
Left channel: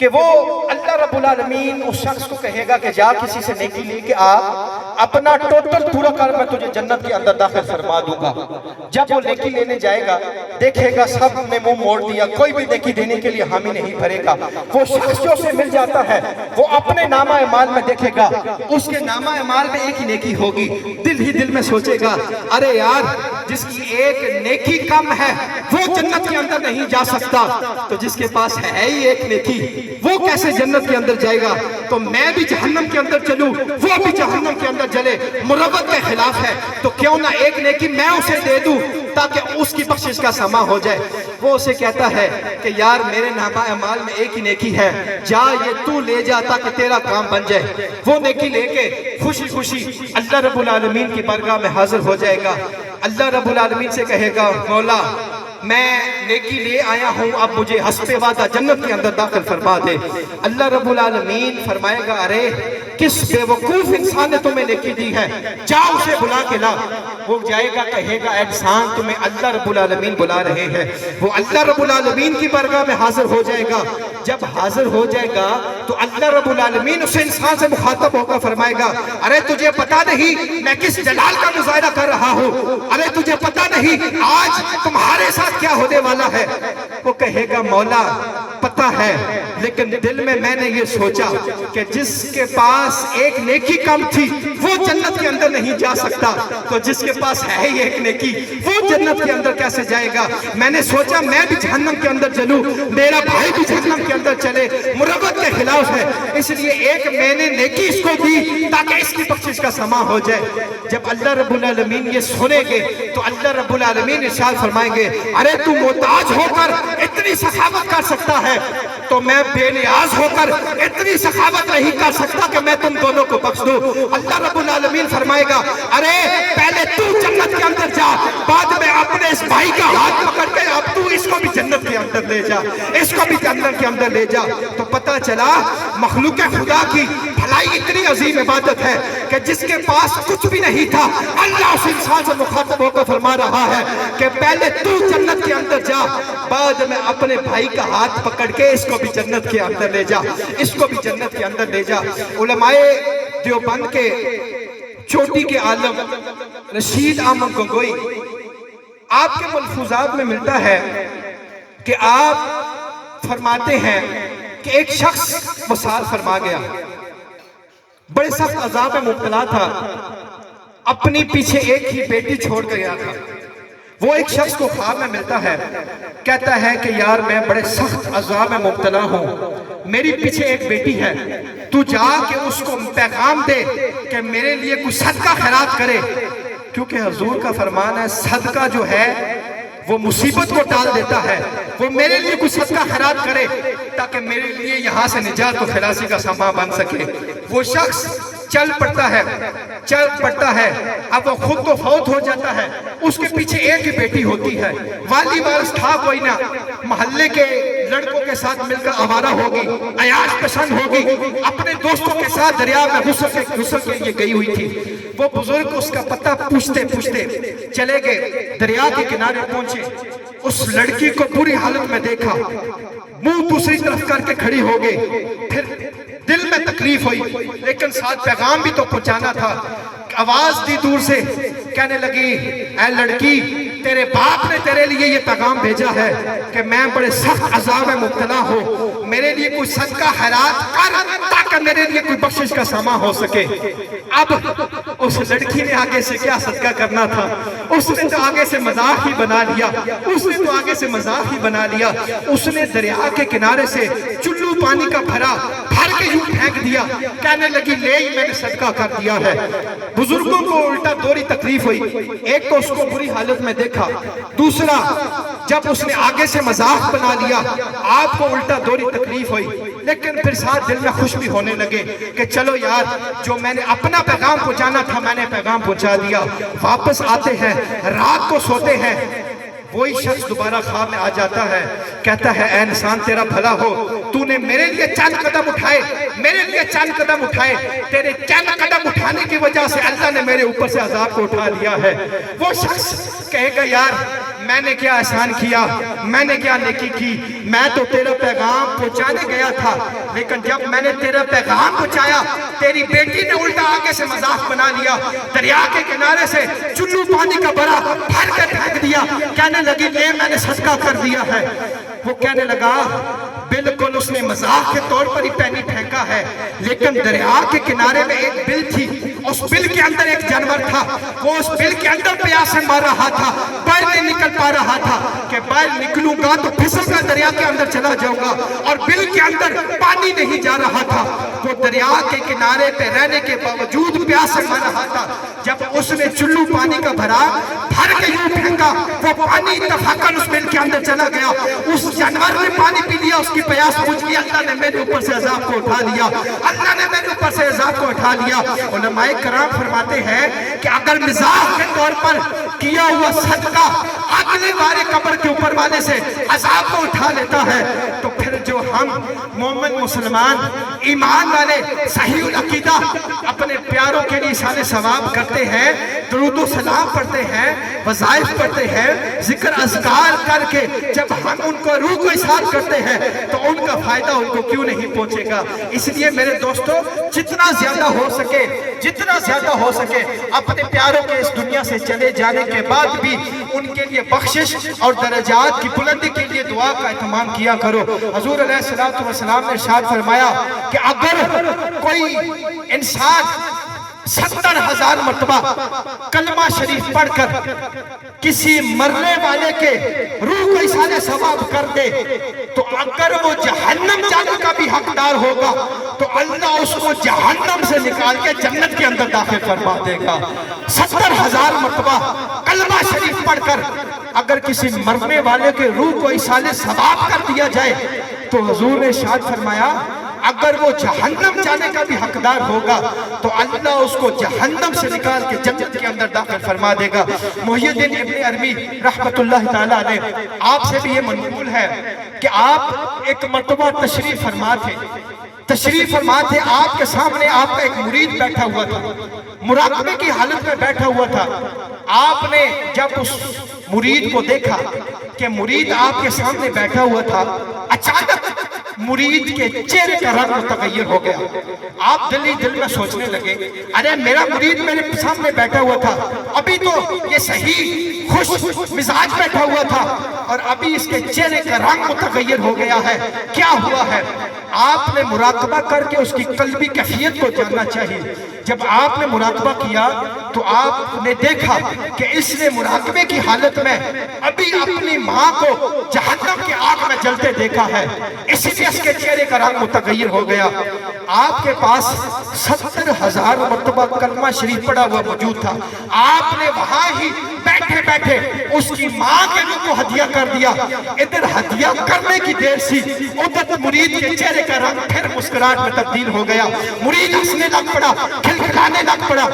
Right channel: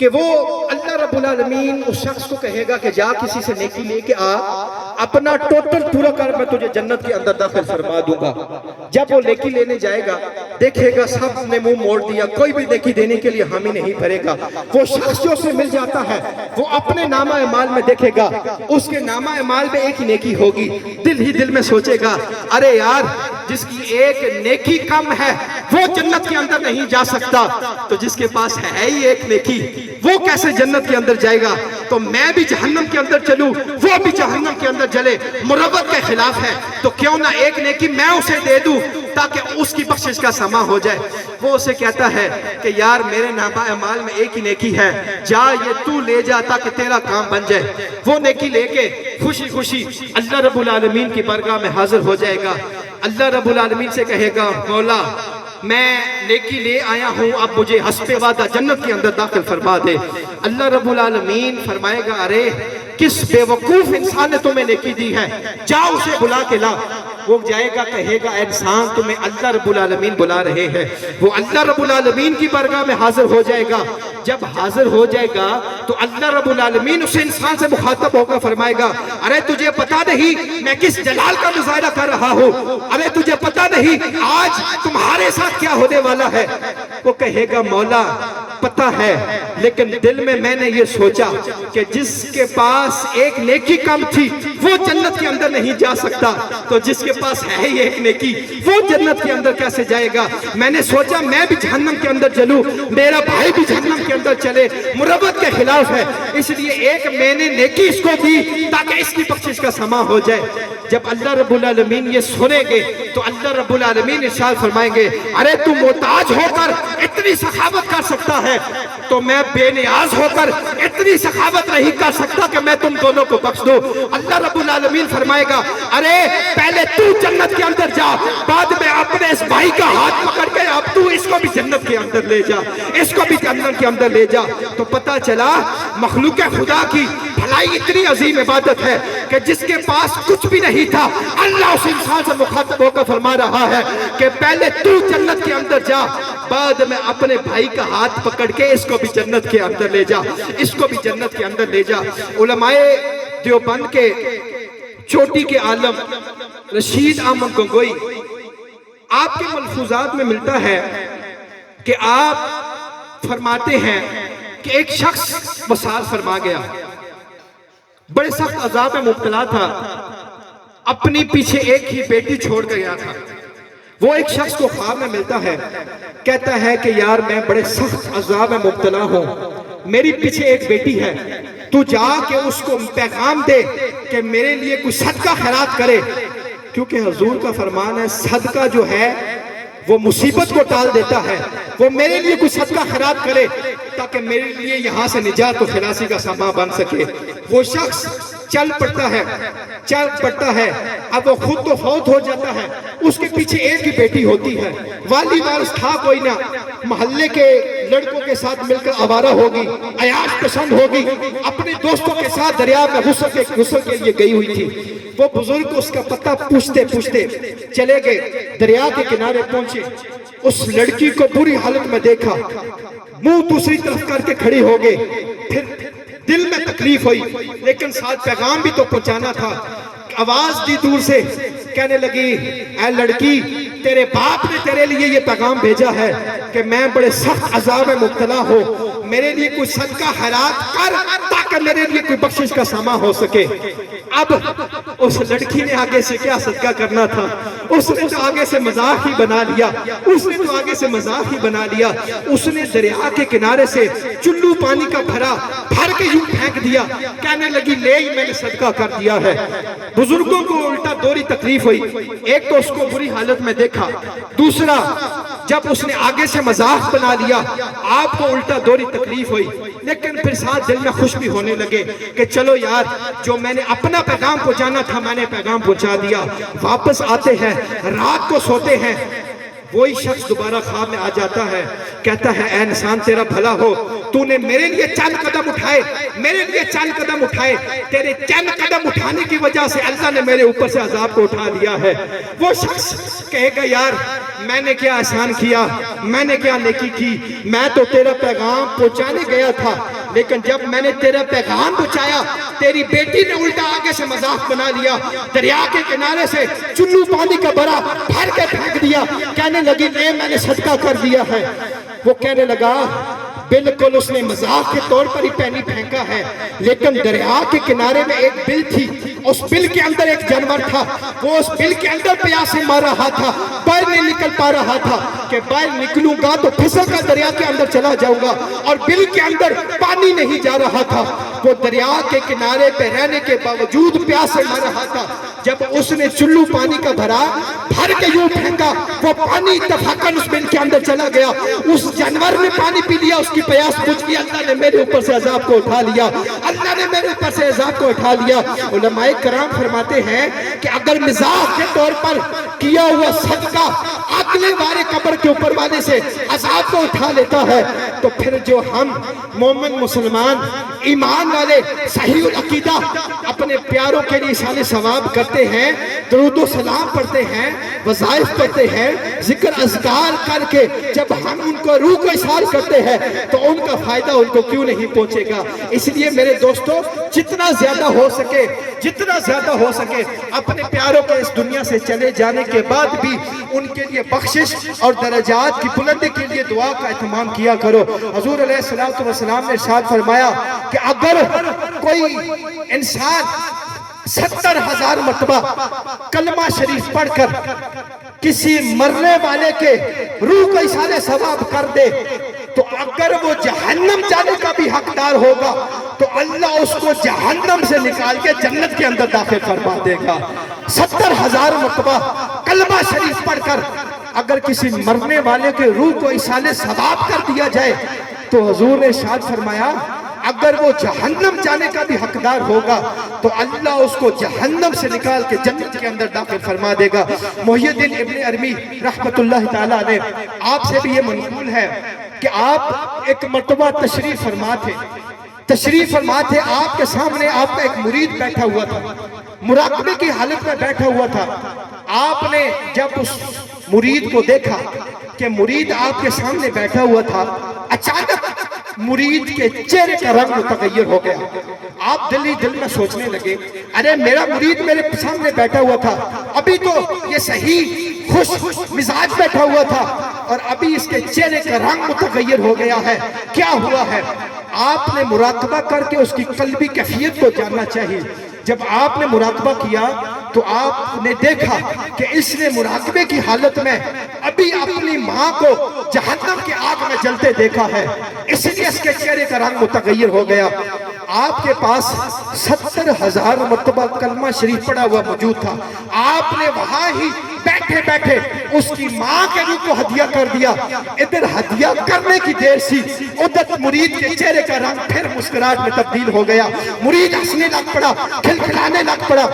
کہ وہ اللہ رب العالمین اس شخص کو کہے گا کہ جا کسی سے نیکی لے کے آ، اپنا ٹوٹل پورا کر میں تجھے جنت کے اندر داخل فرما دوں گا۔ جب وہ نیکی لینے جائے گا دیکھے گا سب نے منہ موڑ دیا، کوئی بھی نیکی دینے کے لیے حامی نہیں بھرے گا۔ وہ شخص جو اسے مل جاتا ہے وہ اپنے نامہ اعمال میں دیکھے گا، اس کے نامہ اعمال میں ایک نیکی ہوگی، دل ہی دل میں سوچے گا ارے یار جس کی ایک نیکی کم ہے وہ جنت کے اندر نہیں جا سکتا، تو جس کے پاس ہے ہی ایک نیکی وہ کیسے جنت کے اندر جائے گا؟ تو میں بھی جہنم کے اندر چلوں وہ بھی جہنم کے اندر جلے، مروت کے خلاف ہے، تو کیوں نہ ایک نیکی میں اسے دے دوں تاکہ اس کی بخشش کا سما ہو جائے۔ وہ اسے کہتا ہے کہ یار میرے نامہ اعمال میں ایک ہی نیکی ہے، جا یہ تو لے جا تاکہ تیرا کام بن جائے۔ وہ نیکی لے کے خوشی خوشی اللہ رب العالمین کی بارگاہ میں حاضر ہو جائے گا۔ اللہ رب العالمین سے کہے گا مولا میں نیکی لے آیا ہوں، اب مجھے حسب وعدہ جنت کے اندر داخل فرما دے۔ اللہ رب العالمین فرمائے گا ارے کس بے وقوف انسان نے تمہیں نیکی دی ہے، جا اسے بلا کے لا۔ وہ جائے گا کہے گا اے انسان تمہیں اللہ رب العالمین بلا رہے ہیں۔ وہ اللہ رب العالمین کی بارگاہ میں حاضر ہو جائے گا۔ جب حاضر ہو جائے گا تو اللہ رب العالمین اس انسان سے مخاطب ہو کر فرمائے گا ارے تجھے پتا نہیں میں کس جلال کا مظاہرہ کر رہا ہوں، ارے تجھے پتا نہیں آج تمہارے ساتھ کیا ہونے والا ہے؟ وہ کہے گا مولا پتہ ہے، لیکن دل میں نے یہ سوچا کہ جس کے پاس ایک نیکی کم تھی وہ جنت کے اندر نہیں جا سکتا، تو جس کے پاس ہے ہی ایک نیکی وہ جنت کے اندر کیسے جائے گا؟ میں نے سوچا میں بھی جہنم کے اندر چلوں، میرا بھائی بھی جہنم کے اندر چلے، مروت کے خلاف ہے، اس لیے ایک میں نے نیکی اس کو دی تاکہ اس کی بخشش کا سما ہو جائے۔ جب اللہ رب العالمین یہ سنیں گے تو اللہ رب العالمین ارشاد فرمائیں گے ارے تو محتاج ہو کر اتنی سخاوت کر سکتا ہے تو میں بے نیاز ہو کر اتنی سخاوت نہیں کر سکتا کہ میں تم دونوں کو بخش دوں۔ اللہ رب العالمین فرمائے گا ارے پہلے تو جنت کے اندر جا، بعد میں اپنے اس بھائی کا ہاتھ پکڑ کے اب تو اس کو بھی جنت کے اندر لے جا، اس کو بھی جنت کے اندر لے جا۔ تو پتہ چلا مخلوق خدا کی بھلائی اتنی عظیم عبادت ہے کہ جس کے پاس کچھ بھی نہیں تھا اللہ اس انسان سے مخاطب ہو کر فرما رہا ہے کہ پہلے تو جنت کے اندر جا، بعد میں اپنے بھائی کا ہاتھ پکڑ کے اس کو بھی جنت کے اندر لے جا، اس کو بھی جنت کے اندر لے جا۔ علماء دیوبند کے چوٹی کے عالم رشید احمد گنگوئی آپ کے ملفوظات میں ملتا ہے کہ آپ فرماتے ہیں کہ ایک شخص وصال فرما گیا، بڑے سخت عذاب میں مبتلا تھا، اپنی پیچھے ایک ہی بیٹی چھوڑ کر گیا تھا۔ وہ ایک شخص کو خواب میں ملتا ہے، کہتا ہے کہ یار میں بڑے سخت عذاب میں مبتلا ہوں، میری پیچھے ایک بیٹی ہے، تو جا کے اس کو پیغام دے کہ میرے لیے کوئی صدقہ خیرات کرے، کیونکہ حضور کا فرمان ہے صدقہ جو ہے وہ مصیبت کو ٹال دیتا ہے، وہ میرے لیے کوئی صدقہ خیرات کرے تاکہ میرے لیے یہاں سے نجات و خلاصی کا سامان بن سکے۔ وہ شخص چل پڑتا ہے، اب وہ خود تو فوت ہو جاتا ہے، اس کے پیچھے ایک ہی بیٹی ہوتی ہے، والی وارث تھا کوئی نہ، محلے کے لڑکوں کے ساتھ مل کر آوارہ ہوگی، عیاش پسند ہوگی، اپنے دوستوں کے ساتھ دریا میں غسل کے لیے گئی ہوئی تھی۔ وہ بزرگ اس کا پتہ پوچھتے چلے گئے، دریا کے کنارے پہنچے، اس لڑکی کو بری حالت میں دیکھا، منہ دوسری طرف کر کے کھڑی ہو گئے، پھر دل میں تکلیف ہوئی لیکن ساتھ پیغام بھی تو پہنچانا تھا۔ آواز دی دور سے، کہنے لگی اے لڑکی تیرے باپ نے تیرے لیے یہ پیغام بھیجا ہے کہ میں بڑے سخت عذاب میں مبتلا ہوں، میرے لیے کوئی صدقہ خیرات کر تاکہ میرے لیے کوئی بخشش کا سامان ہو سکے۔ اب اس لڑکی نے آگے سے کیا صدقہ کرنا تھا، اس نے تو آگے سے مذاق ہی بنا لیا، اس نے دریا کے کنارے سے چلو پانی کا بھر کے یوں پھینک دیا، کہنے لگی لے ہی میں نے صدقہ کر دیا ہے۔ بزرگوں کو الٹا دوری تکلیف ہوئی، ایک تو اس کو بری حالت میں دیکھا، دوسرا جب اس نے آگے سے مذاق بنا لیا آپ کو الٹا دوری تکلیف ہوئی، لیکن پھر ساتھ دل میں خوش بھی ہونے لگے کہ چلو یار جو میں نے اپنا پیغام پہنچانا تھا میں نے پیغام پہنچا دیا۔ واپس آتے ہیں، رات کو سوتے ہیں، وہی شخص دوبارہ خواب میں آ جاتا ہے، کہتا ہے اے انسان تیرا بھلا ہو، تو نے میرے لیے چند قدم اٹھائے، میرے لیے چند قدم اٹھائے، تیرے چند قدم اٹھانے کی وجہ سے اللہ نے میرے اوپر سے عذاب کو اٹھا لیا ہے۔ وہ شخص کہے گا یار میں نے کیا احسان کیا، میں نے کیا نیکی کی، میں تو تیرا پیغام پہنچانے گیا تھا، لیکن جب میں نے تیرا پیغام پہنچایا تیری بیٹی نے الٹا آگے سے مذاق بنا لیا، دریا کے کنارے سے چلو پانی کا بڑا بھر کے پھینک دیا، کہنے لگی نہیں میں نے صدقہ کر دیا ہے۔ وہ کہنے لگا بالکل اس نے مذاق کے طور پر ہی پانی پھینکا ہے، لیکن دریا کے کنارے میں ایک بل تھی، اس بل کے اندر ایک جانور تھا، وہ اس بل کے اندر پیاس سے مر رہا تھا، باہر نہیں نکل پا رہا تھا کہ باہر نکلوں گا تو پھسل کر دریا کے اندر چلا جاؤں گا، اور بل کے اندر پانی نہیں جا رہا تھا۔ وہ دریا کے کنارے پہ رہنے کے باوجود پیاس سے مر رہا تھا۔ جب اس نے چلو پانی کا بھرا بھر کے یوں پھینکا، وہ پانی اتفاقاً اس بل کے اندر چلا گیا، اس جانور نے پانی پی لیا، اس کی پیاس بجھ گئی، اللہ نے میرے اوپر سے عذاب کو اٹھا لیا، اللہ نے میرے اوپر سے عذاب کو اٹھا لیا۔ علماء کرام فرماتے ہیں کہ اگر مزاح کے طور پر کیا ہوا صدقہ اگلے بارے قبر کے اوپر والے سے عذاب کو اٹھا لیتا ہے، تو پھر جو ہم مومن مسلمان ایمان والے صحیح العقیدہ اپنے پیاروں کے لیے احسان ثواب کرتے ہیں، درود و سلام پڑھتے ہیں، وظائف پڑھتے ہیں، ذکر اذکار کر کے جب ہم ان کو روح کو احسان کرتے ہیں تو ان کا فائدہ ان کو کیوں نہیں پہنچے گا۔ اس لیے میرے دوستو جتنا زیادہ ہو سکے، جتنا زیادہ ہو سکے اپنے پیاروں کے اس دنیا سے چلے جانے کے بعد بھی ان کے لیے بخشش اور درجات کی بلندی کے لیے دعا کا اہتمام کیا کرو۔ حضور علیہ السلام نے ارشاد فرمایا کہ اگر کوئی انسان 70,000 مرتبہ کلمہ شریف پڑھ کر کسی مرنے والے کے روح کو احسان ثواب کر دے تو اگر وہ جہنم جانے کا بھی حقدار ہوگا تو اللہ اس کو جہنم سے نکال کے جنت کے اندر داخل فرما دے گا۔ 70,000 مرتبہ کلمہ شریف پڑھ کر اگر کسی مرنے والے کے روح کو احسان ثواب کر دیا جائے تو حضور نے ارشاد فرمایا اگر وہ جہنم جانے کا بھی حقدار ہوگا تو اللہ اس کو جہنم سے نکال کے جنت کے اندر داخل فرما دے گا۔ محی الدین ابن عربی رحمت اللہ تعالیٰ نے آپ سے بھی یہ منقول ہے کہ آپ ایک مرتبہ تشریف فرما تھے، آپ کے سامنے آپ کا ایک مرید بیٹھا ہوا تھا، مراقبے کی حالت میں بیٹھا ہوا تھا۔ آپ نے جب اس مرید کو دیکھا کہ مرید آپ کے سامنے بیٹھا ہوا تھا، اچانک مرید کے چہرے کا رنگ متغیر ہو گیا۔ آپ دل ہی دل میں سوچنے لگے ارے میرا مرید میرے سامنے بیٹھا ہوا تھا، ابھی تو یہ صحیح خوش مزاج بیٹھا ہوا تھا اور ابھی اس کے چہرے کا رنگ متغیر ہو گیا ہے، کیا ہوا ہے؟ آپ نے مراقبہ کر کے اس کی قلبی کیفیت کو جاننا چاہیے۔ جب آپ نے مراقبہ کیا تو آپ نے دیکھا کہ اس نے مراقبے کی حالت میں ابھی اپنی ماں کو جہنم کی آگ میں جلتے دیکھا ہے، اس لیے اس کے چہرے کا رنگ متغیر ہو گیا۔ آپ کے پاس 70,000 مرتبہ کلمہ شریف پڑھا ہوا موجود تھا، آپ نے وہاں ہی بیٹھے بیٹھے اس کی ماں کے روح کو ہدیہ کر دیا۔ ادھر ہدیہ کرنے کی دیر سی، ادھر مرید کے چہرے کا رنگ پھر مسکراہٹ میں تبدیل ہو گیا، مرید ہنسنے لگ پڑا، کھلکھلانے لگ پڑا۔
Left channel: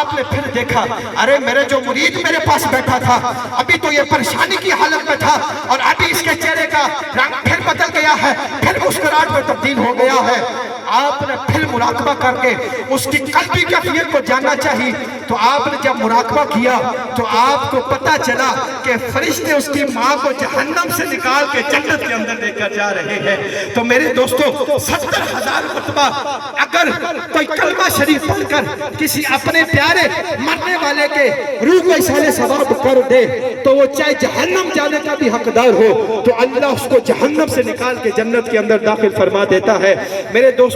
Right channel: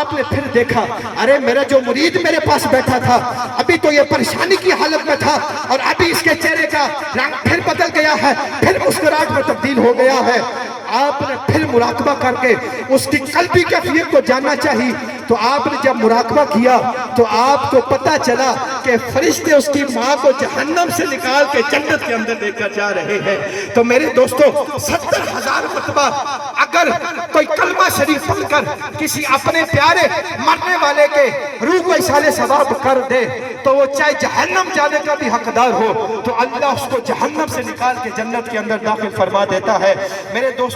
آپ نے پھر دیکھا ارے میرا جو مرید میرے پاس بیٹھا تھا ابھی تو یہ پریشانی کی حالت میں تھا اور ابھی اس کے چہرے کا رنگ پھر بدل گیا ہے، پھر مسکراہٹ میں تبدیل ہو گیا ہے۔ آپ نے پھر مراقبہ کر کے اس کی قلبی کیفیت کو جاننا چاہیے، تو آپ نے جب مراقبہ کیا تو آپ کو پتا چلا کہ فرشتے اس کی ماں کو جہنم سے نکال کے جنت کے اندر لے کر جا رہے ہیں۔ تو میرے دوستو 70,000 مرتبہ اگر کوئی کلمہ شریف پڑھ کر کسی اپنے پیارے مرنے والے کے روح کو احسان ثواب کر دے تو وہ چاہے جہنم جانے کا بھی حقدار ہو تو اللہ اس کو جہنم سے نکال کے جنت کے اندر داخل فرما دیتا ہے۔ میرے دوستو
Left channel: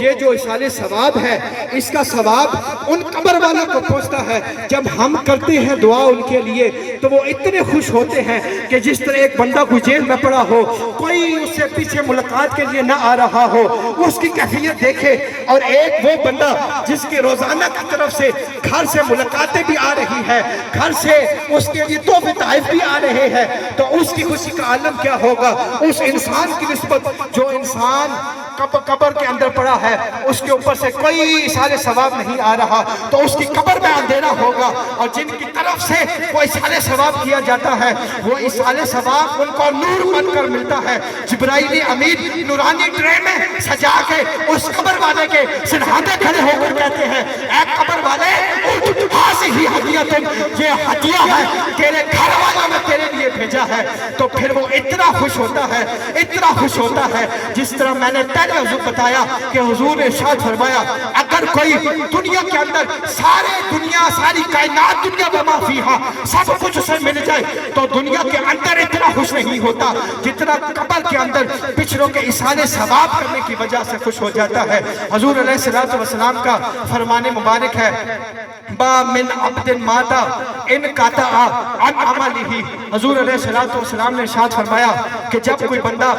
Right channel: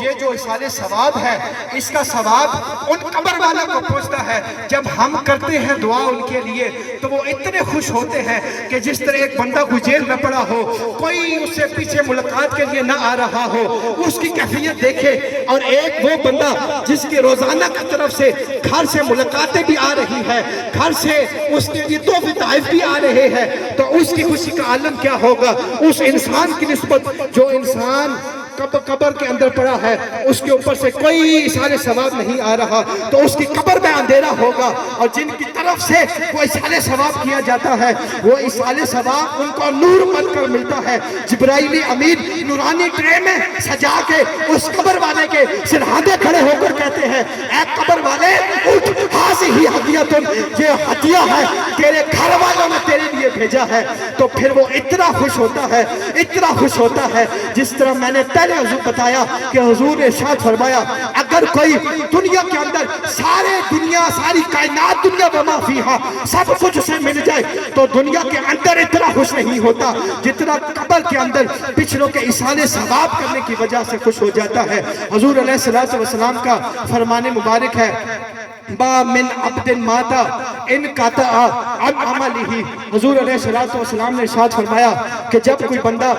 یہ جو احسان ثواب ہے اس کا ثواب ان قبر والے کو پہنچتا ہے۔ جب ہم کرتے ہیں دعا ان کے لیے تو وہ اتنے خوش ہوتے ہیں کہ جس طرح ایک بندہ کوئی جیل میں پڑا ہو، کوئی اس سے پیچھے ملاقات کے لیے نہ آ رہا ہو، اس کی کیفیت دیکھے، اور ایک وہ بندہ جس کی روزانہ کی طرف سے گھر سے ملاقاتیں بھی آ رہی ہے، گھر سے اس کے لیے تحفے تحائف بھی آ رہے ہیں، تو اس کی خوشی کا عالم کیا ہوگا اس انسان کی نسبت جو انسان قبر کے اندر پڑا ہے اس کے اوپر سے کوئی اصال ثواب نہیں آ رہا تو اس کی قبر میں اندھیرا ہوگا، اور جن کی طرف سے وہ اصال ثواب کیا جاتا ہے وہ اصال ثواب ان کو نور بن کر ملتا ہے۔ جبرائیل امین نورانی ٹرے میں سجا کے اس قبر والے کے سرحدے کھڑے ہو کر کہتے ہیں اے قبر والے اٹھ، ہاذہ ہدیۃ، یہ ہدیہ ہے تیرے گھر والوں نے تیرے لیے بھیجا ہے۔ تو پھر وہ اتنا خوش ہوتا ہے، اتنا خوش ہوتا ہے، جس طرح میں نے پہلے حضور بتایا کہ حضور نے ارشاد فرمایا اگر کوئی دنیا کے اندر ساری کائنات دنیا وما فیہا سب کچھ اسے مل جائے تو دنیا کے اندر اتنا خوش نہیں ہوتا جتنا قبر کے اندر پچھلوں کے اصال ثواب کرنے کی وجہ سے خوش ہو جاتا ہے۔ حضور علیہ السلام کا فرمان مبارک ہے با من عبد ماتا ان قطع عن عملہ، حضور علیہ السلام نے ارشاد فرمایا کہ جب کوئی بندہ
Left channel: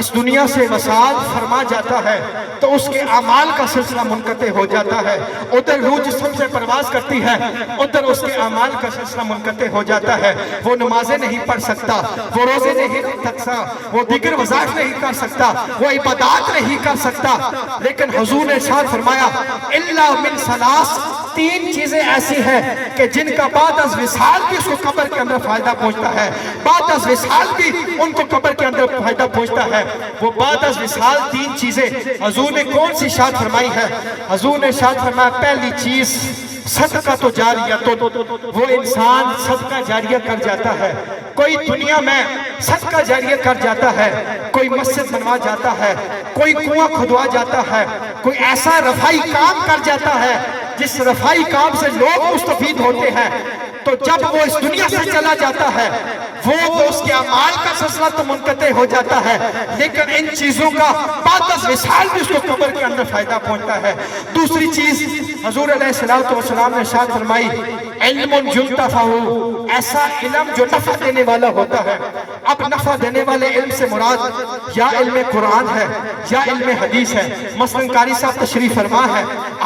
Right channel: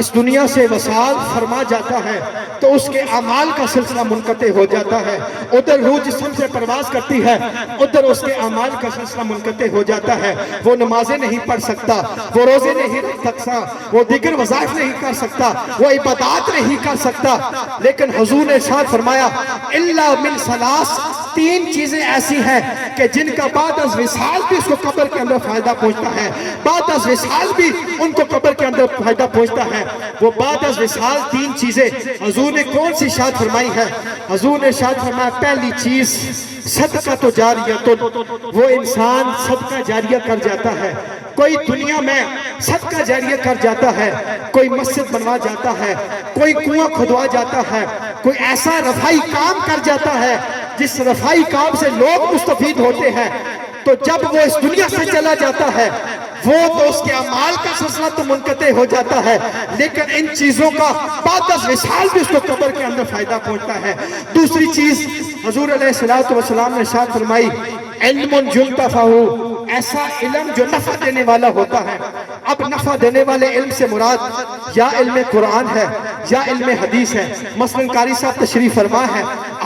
اس دنیا سے وصال فرما جاتا ہے تو اس کے اعمال کا سلسلہ منقطع ہو جاتا ہے، ادھر روح جسم سے پرواز کرتی ہے ادھر اس کے اعمال کا سلسلہ منقطع ہو جاتا ہے، وہ نمازیں نہیں پڑھ سکتا، وہ روزے نہیں رکھ سکتا، وہ دیگر وظائف نہیں کر سکتا، وہ عبادات نہیں کر سکتا، لیکن حضور نے ارشاد فرمایا الا من ثلاث، تین چیزیں ایسی ہیں کہ جن کا بعد از وصال بھی اس کو قبر کے اندر فائدہ پہنچتا ہے، بعد از وصال بھی ان کو قبر کے اندر فائدہ پہنچتا ہے۔ وہ بعد از وصال تین چیزیں حضور نے کون سی ارشاد فرمائی ہے؟ حضور نے ارشاد فرمایا پہلی چیز صدقہ تو جاریہ، تو وہ انسان صدقہ جاریہ کر جاتا ہے، کوئی دنیا میں صدقہ جاریہ کر جاتا ہے، کوئی مسجد بنوا جاتا ہے، کوئی کنواں کھدوا جاتا ہے، کوئی ایسا رفائی کام کر جاتا ہے جس رفائی کام سے لوگ مستفید ہوتے ہیں، تو جب وہ اس دنیا سے چلا جاتا ہے وہ تو اس کے اعمال کا سلسلہ تو منقطع ہو جاتا ہے، لیکن ان چیزوں کا بعد از وصال بھی اس کو قبر کے اندر فائدہ پہنچتا ہے۔ دوسری چیز حضور علیہ السلام نے ارشاد فرمائی علم ينتفع، ایسا علم جو نفع دینے والا ہوتا ہے۔ اب نفع دینے والے علم سے مراد یا علم قرآن ہے یا علم حدیث ہے۔ مثلا قاری صاحب تشریف فرما ہے،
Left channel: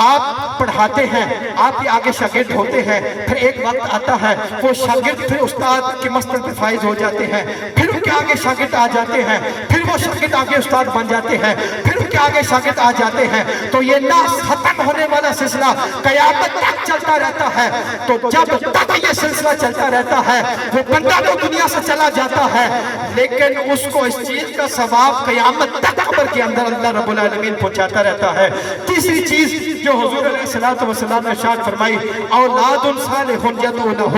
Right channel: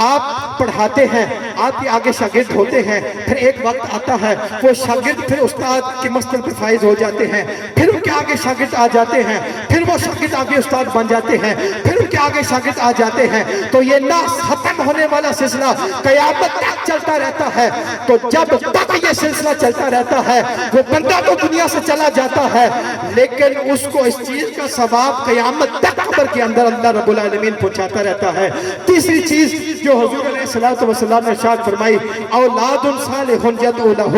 آپ پڑھاتے ہیں، آپ کے آگے شاگرد ہوتے ہیں، پھر ایک وقت آتا ہے وہ شاگرد پھر استاد کے مسئلے پہ فائز ہو جاتے ہیں، پھر ان کے آگے شاگرد آ جاتے ہیں، پھر وہ شاگرد آگے استاد بن جاتے ہیں، پھر ان کے آگے شاگرد آ جاتے ہیں، تو یہ نہ ختم ہونے والا سلسلہ قیامت تک چلتا رہتا ہے۔ تو جب تک یہ سلسلہ چلتا رہتا ہے وہ بندہ تو دنیا سے چلا جاتا ہے لیکن اس کو اس چیز کا ثواب قیامت تک قبر کے اندر اللہ رب العالمین پہنچاتا رہتا ہے۔ تیسری چیز جو حضور علیہ السلام نے ارشاد فرمائی اولاد صالح یدعو لہ،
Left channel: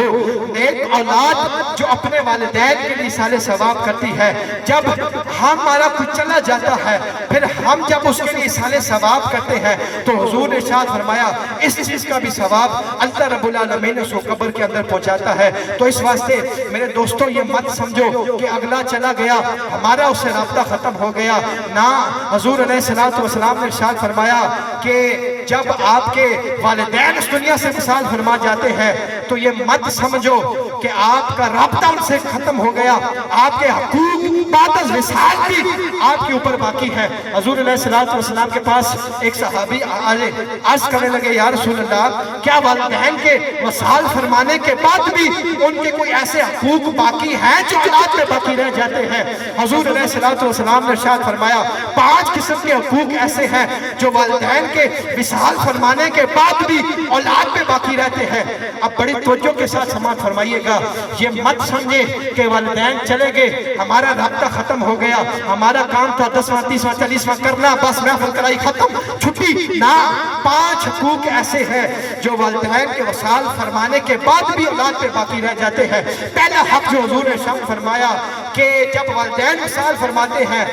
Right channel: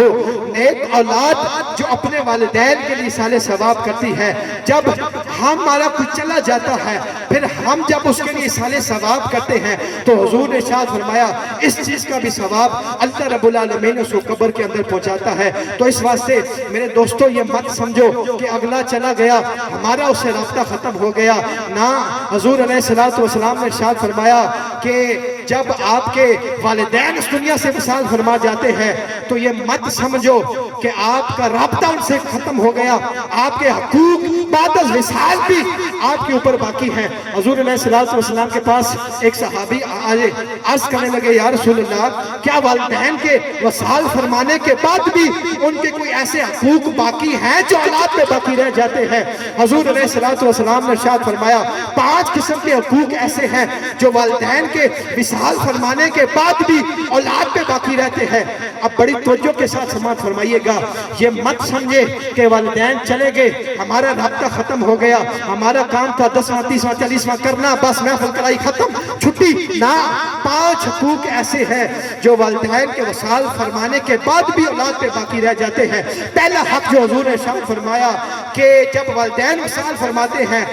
نیک اولاد جو اپنے والدین کے لیے اصال ثواب کرتی ہے۔ جب ہمارا کچھ چلا جاتا ہے پھر ہم جب اس کے لیے اصال ثواب کرتے ہیں تو حضور نے ارشاد فرمایا اس چیز کا بھی ثواب اللہ رب العالمین اس کو قبر کے اندر پہنچاتا ہے۔ تو اس واسطے میرے دوستو یہ مت سمجھو کہ اگلا چلا گیا ہمارا اس سے رابطہ ختم ہو گیا، نہ، حضور علیہ السلام نے ارشاد فرمایا کہ جب آپ کے والدین اس دنیا سے وصال فرما جاتے ہیں تو یہ مت سمجھو کہ آپ کا رابطہ ان سے ختم ہو گیا، آپ کے حقوق بعد از وصال بھی آپ کے اوپر باقی ہے۔ حضور علیہ السلام کے پاس ایک صحابی آئے، عرض کرنے لگے یا رسول اللہ کیا والدین کے وصال فرمانے کے بعد بھی ان کے کوئی ایسے حقوق باقی ہیں جو اولاد پہ باقی رہ جاتے ہیں؟ حضور علیہ السلام نے ارشاد فرمایا 5 قسم کے حقوق ایسے ہیں جو والدین کے وصال فرمانے کے بعد بھی اولاد پہ باقی رہتے ہیں۔ اب بڑی توجہ کے ساتھ سماعت فرمائیے گا، یہ مت سمجھے کہ والدین چلے گئے ہمارا رابطہ ختم ہو گیا، ہمارا کام تھا 10واں 30واں 40واں کرنا، بس محفل کرائی ختم چھٹی، نہ، 5 حقوق ایسے ہیں جو والدین کے وصال فرمانے کے بعد بھی اولاد پہ باقی رہ جاتے ہیں۔ پہلا حق جو حضور نے ارشاد فرمایا کہ جب والدین وصال فرماتے ہیں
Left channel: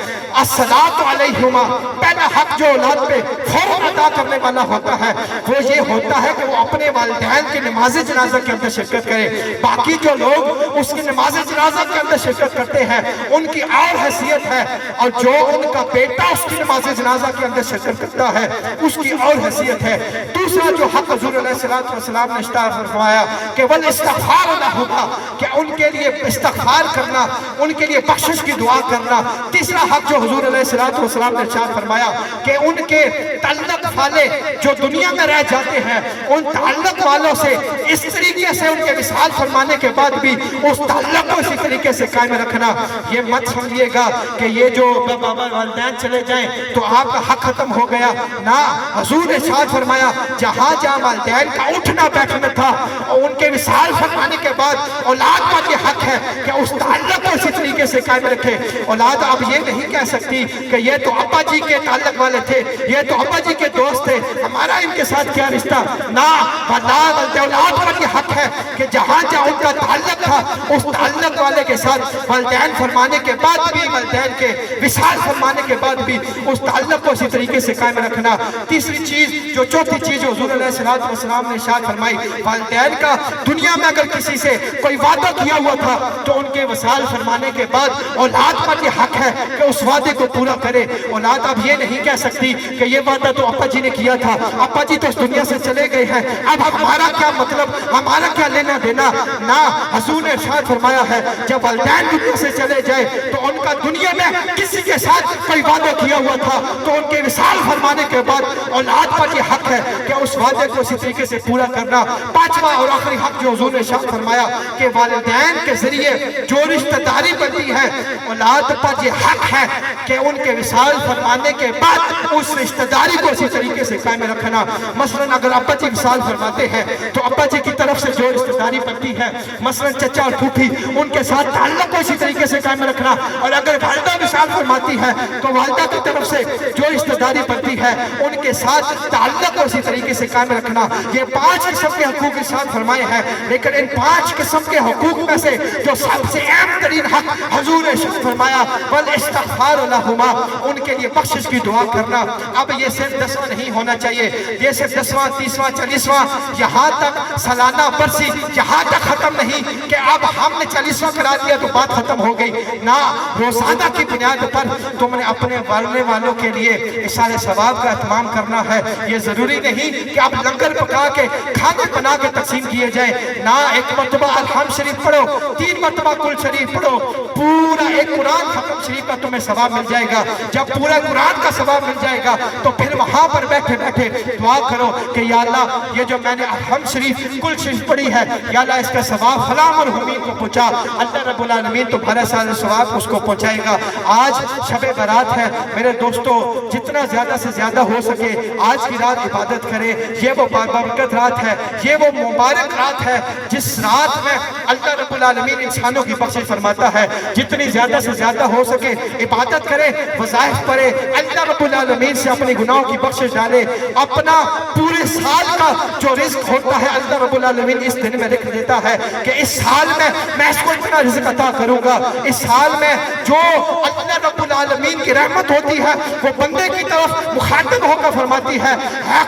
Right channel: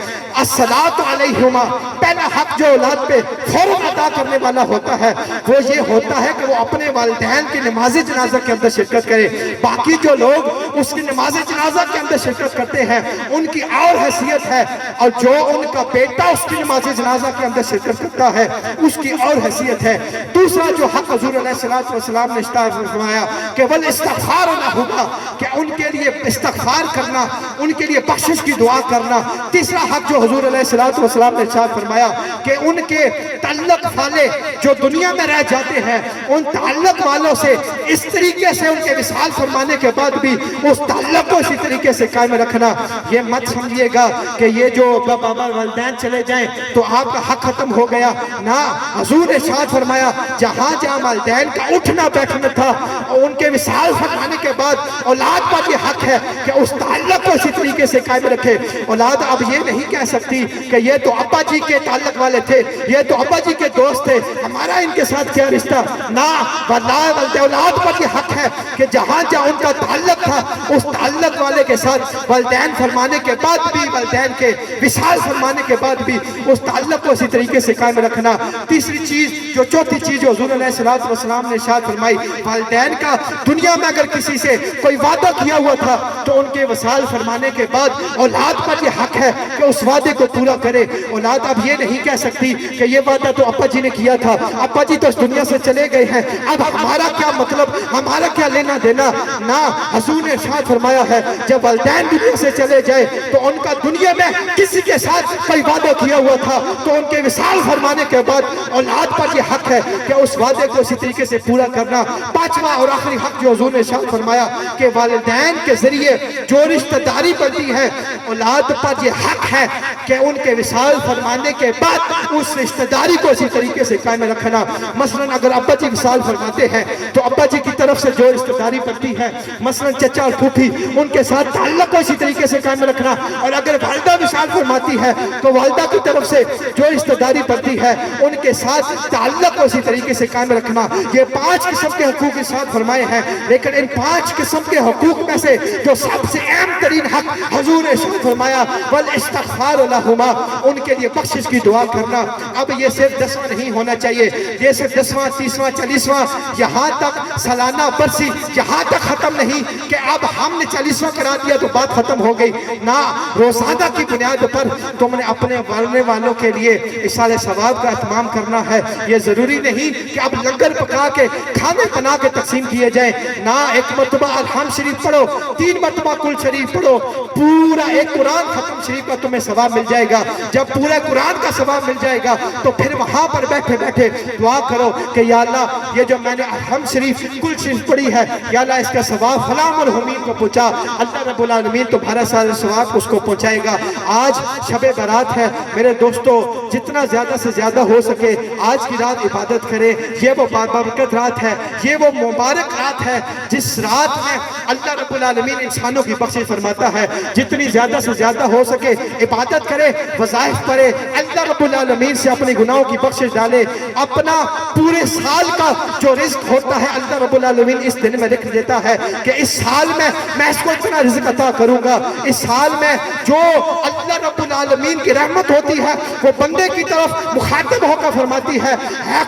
الصلاۃ علیہما، پہلا حق جو اولاد پہ فوراً ادا کرنے والا ہوتا ہے وہ یہ ہوتا ہے کہ وہ اپنے والدین کی نماز جنازہ کے اندر شرکت کرے۔ باقی جو لوگ اس کی نماز جنازہ کے اندر شرکت کرتے ہیں ان کی اور حیثیت ہے، اور جو ان کا بیٹا اس کی نماز جنازہ کے اندر شرکت کرتا ہے ہے اس کی اور حیثیت ہے۔ دوسرا جو حق حضور علیہ السلام نے فرمایا کہ والاستغفار لہما، کہ ان کے لیے استغفار کرنا، ان کے لیے بخشش کی دعا کرنا۔ تیسرا حق جو حضور علیہ السلام نے ارشاد فرمایا کہ ان کے تعلق والے جو دنیا میں رہ جاتے ہیں ان تعلق والوں سے اس طریقے سے ان کے وصال فرمانے کے بعد بھی اس تعلق کو اسی طریقے سے قائم رکھنا۔ یہ مت سمجھیے گا کہ یہ جو بابا والدین چلے جائیں تو آپ کا حق ختم ہو گیا، نہ، حضور نے ارشاد فرمایا جہاں جہاں والدین کا اٹھنا بیٹھنا تھا اور ان کے وصال فرمانے کے بعد اولاد پر یہ حق ہے کہ اس تعلق کو اسی طریقے سے قائم رکھے۔ اولاد اب یہ نہیں کہہ سکتی کہ یہ تو ابا جی کے تعلق والے تھے، یہ تو ابا جی کے دوست تھے، ہمارا ان کے ساتھ کیا رشتہ، نہ، اولاد پر یہ حق ہے کہ جہاں جہاں ان کا تعلق تھا اس تعلق والے کے ساتھ والدین فرمانے کے بعد بھی، والدین کے وصال فرمانے کے بعد بھی اس تعلق کو اسی طریقے سے قائم رکھنا۔ تیسری چیز، جو چوتھی چیز جو حضور علیہ السلام نے ارشاد فرمائی، والدین کا دنیا میں اگر کسی سے کوئی وعدہ کیا ہوا تھا تو ان کے وصال فرمانے کے بعد اولاد پر یہ حق ہے کہ اس وعدے کو پورا کرے۔ اولاد اب یہ نہیں کہہ سکتی کہ یہ وعدہ تو ابا جی نے کیا تھا، ابا جی تو اس دنیا سے چلے گئے ہیں، اب ہمارا کیا مطلب، ہمارا کیا لینا دینا، نہ، حضور نے ارشاد فرمایا ہے جب والدین دنیا سے چلے جائے تو ان کا دنیا میں کسی کے ساتھ کوئی وعدہ کیا ہوا تھا تو ان کے وصال فرمانے کے بعد اولاد پر یہ حق ہے کہ اس وعدے کو اسی طریقے سے پورا کرنا۔ پانچواں اور آخری حق جو حضور نے ارشاد فرمایا کہ والدین کے ذریعے جو رشتہ داری بنتی ہے اولاد پر یہ حق ہے کہ ان کے وصال فرمانے کے بعد اس رشتہ داری کو اسی طریقے سے قائم رکھنا۔ مثلا اگر ابا جی وصال فرماتے ہیں تو ابا جی کی طرف سے جو رشتہ داری بنتی ہے، مثلا چچا اور پھوپھی، ان کے ساتھ تعلق کو اسی طریقے سے قائم رکھنا۔ اور اگر والدہ وصال فرماتی ہے تو والدہ کی طرف سے جو رشتہ داری بنتی ہے ان کے ساتھ تعلق کو اسی طریقے سے قائم رکھنا۔ یہ 5 قسم کے حقوق ارشاد فرمائے ہیں، لیکن ان 5 قسم کے حقوق میں سے جو سب سے اہم ترین حق حضور نے ارشاد فرمایا والاستغفار لہما، ان کے لیے بخشش کی دعا کرنا۔ اب یہ صرف 10واں نہیں ہونا چاہیے، یہ صرف 10واں، 30واں، 40واں، یہاں تک سالانہ برسی، یہاں تک ختم نہیں کہ اب ہم نے 40واں کرا دیا تو بات ختم ہو گئی، نہ، روزانہ کی بنیاد پر تم نے اپنے والنے والوں کے لیے ایصال ثواب کا اہتمام کرنا ہے۔ یہ ضروری نہیں کہ اب لنگر پکا کے کھانے بنا کے تقسیم کیے جائیں، نہ، ایک مرتبہ الحمد شریف پڑھو، 3 مرتبہ کل شریف پڑھو، پورا ایک قرآن ختم شریف کا تمہیں ثواب مل جائے گا۔ جب پورے قرآن کا ثواب مل جائے گا تو پھر وہاں پر بیٹھے بیٹھے دعا کرو کہ یا اللہ یہ جو میں نے الحمد شریف کل شریف پڑھی ہے، یا اللہ اس کا ثواب فلاں مرحومین کو پہنچا، اللہ رب العالمین تمہارا سارا ثواب اس کو پہنچائے گا۔ آج شب برات ہے میرے دوستو، جتنا زیادہ سے زیادہ ہو سکے آج کی رات عبادت کرے۔ یہ وہ بابرکت رات ہے، یہ وہ مبارک رات ہے جس رات میں اللہ رب العالمین انسانوں کی بخشش فرماتا ہے۔ جتنی زیادہ سے زیادہ ہو سکے عبادت کرے، وظائف پڑھے، اللہ رب العالمین سے اپنے گناہوں کی بخشش ڈالے۔ اپنا پورے سال کا جو رزق ہوتا ہے اللہ رب العالمین اس دن میں لکھ دیتا ہے کہ اس سال میں اس کو اتنا رزق عطا کروں گا۔ اس سال میں جو اللہ رب العالمین کی رحمت ہوتی ہے وہ بندے کی طرف مخاطب ہو کر فرماتی ہے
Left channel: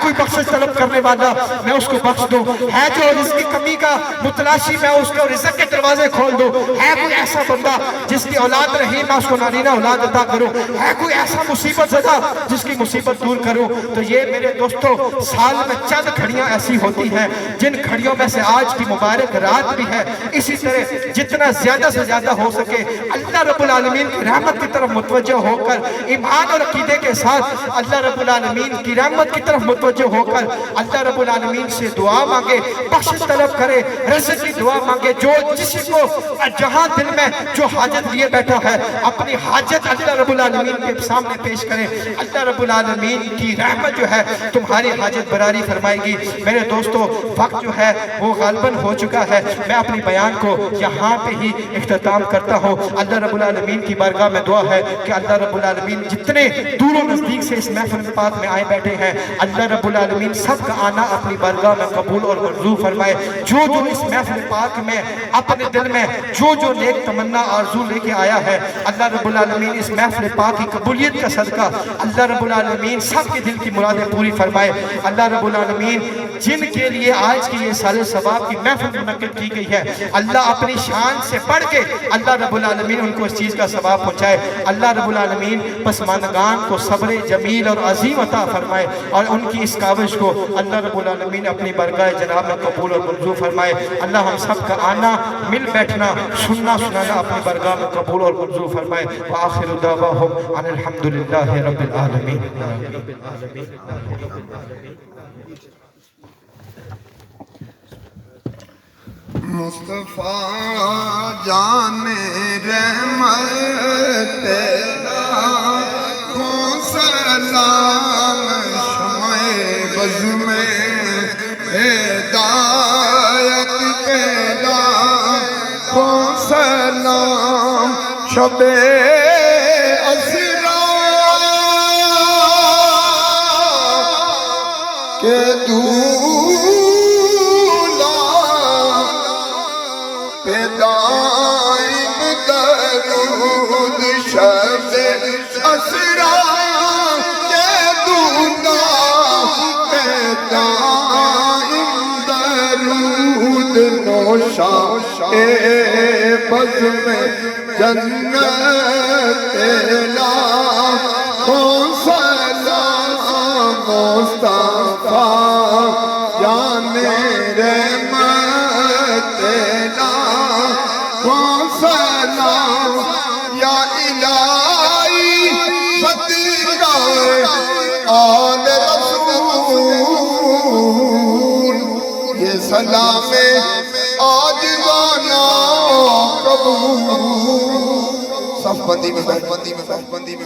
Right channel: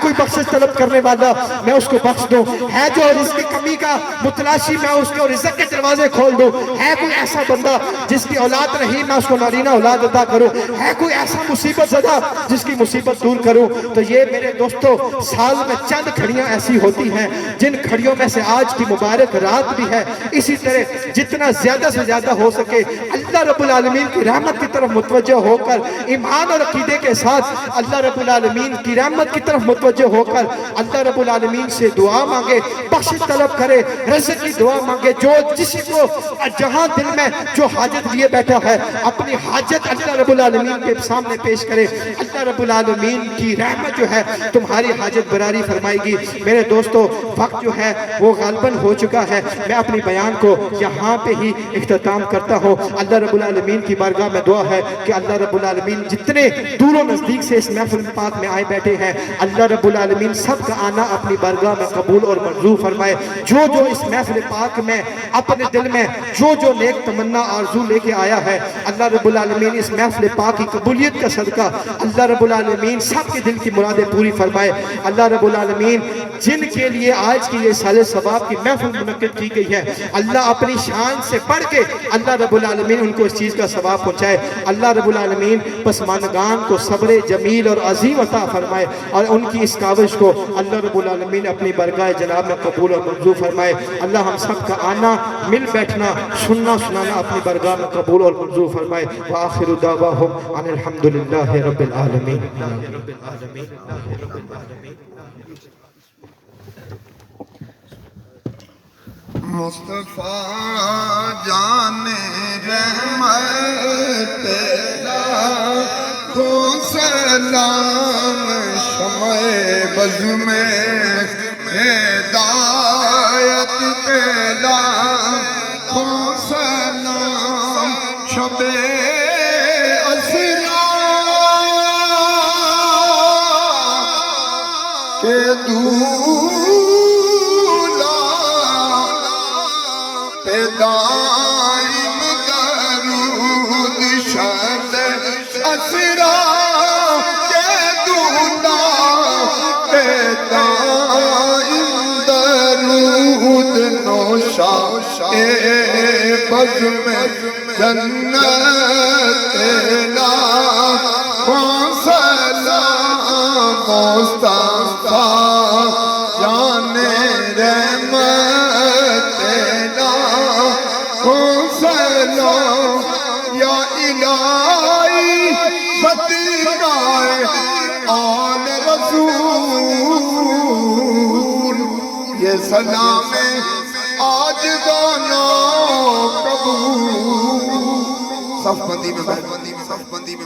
کوئی بخشش طلب کرنے والا میں اس کو بخش دوں، ہے جو رزق کی کمی کا متلاشی میں اس کو رزق کے دروازے کھول دوں، ہے کوئی ایسا بندہ جس کی اولاد رہی میں اس کو نارینہ اولاد عطا کروں، ہے کوئی ایسا مصیبت زدہ جس کی مصیبت دور کروں۔ تو یہ میرے دوستو سال میں چند گھڑیاں ایسی ہوتی ہیں جن گھڑیوں میں سے آج کی مبارک رات بھی ہے۔ اسی طرح جتنا زیادہ سے زیادہ ہو سکے اللہ رب العالمین کی رحمت کی طرف متوجہ ہو کر، ایمان اور عقیدے کے ساتھ اللہ رب العالمین کی رحمت کی طرف متوجہ ہو کر اللہ رب العالمین سے دعا مانگے، بخشش طلب کرے، رزق کی دعا مانگے۔ جو جس کو جہاں دل میں جو حاجت لیے بیٹھا ہے اپنی حاجت اللہ رب العالمین کے سامنے پیش کرے، اللہ رب العالمین کی رحمت جو ہے تمہاری حاجت براری فرمائے گی۔ میرے دوستو وقت جو ہے وہ غالباً ہو چکا ہے، میں اپنی بیان کو یہاں پہ ہی اختتام کرتا ہوں۔ اللہ رب العالمین کی بارگاہ میں دعا ہے کہ اللہ رب العالمین جتنے دور و نزدیک سے اس محفل پاک میں آئے بیٹھے ہیں اللہ رب العالمین سب کا آنا اپنی بارگاہ میں قبول اور منظور فرمائے۔ جو جو اس محفل پاک میں اپنے دل میں جو نیک تمنا آرزو لے کے آیا ہے اللہ رب العالمین اس محفل پاک کی قبولیت کا صدقہ اللہ رب العالمین سب کے دل کی مرادیں پوری فرمائے۔ اللہ رب العالمین جن کے لیے آج کی یہ سال ثواب کی محفل منعقد کی گئی ہے، اللہ اپنی شان سے بڑھ کے اللہ رب العالمین ان کو اس چیز کا ثواب پہنچائے۔ اللہ رب العالمین پسماندگان کو صبر جمیل اور عظیم عطا فرمائے، اور ان کی اس کاوش کو اللہ رب العالمین اپنی برگاہ جناب میں قبول اور منظور فرمائے۔ اللہ ہم سب کا آنا، مل بیٹھنا، سننا سنانا اپنی برگاہ میں قبول اور منظور فرمائے۔ وآخر دعواہم ان الحمدللہ رب العالمین۔ مصطفیٰ جان رحمت تیرا کو سلام، شمع بز میں ہدایت تیرا کو سلام، شب اسرا کے دائم درود شب اسرا کے دولا پہ دائم درود، نوشا بز میں جنت تیرا کو سلام، مصطفیٰ جان رحمت تیرا کو سلام، یا الہی فتیقہ آل رسول، یہ سلام آج گانا قبول۔ صف بندی میں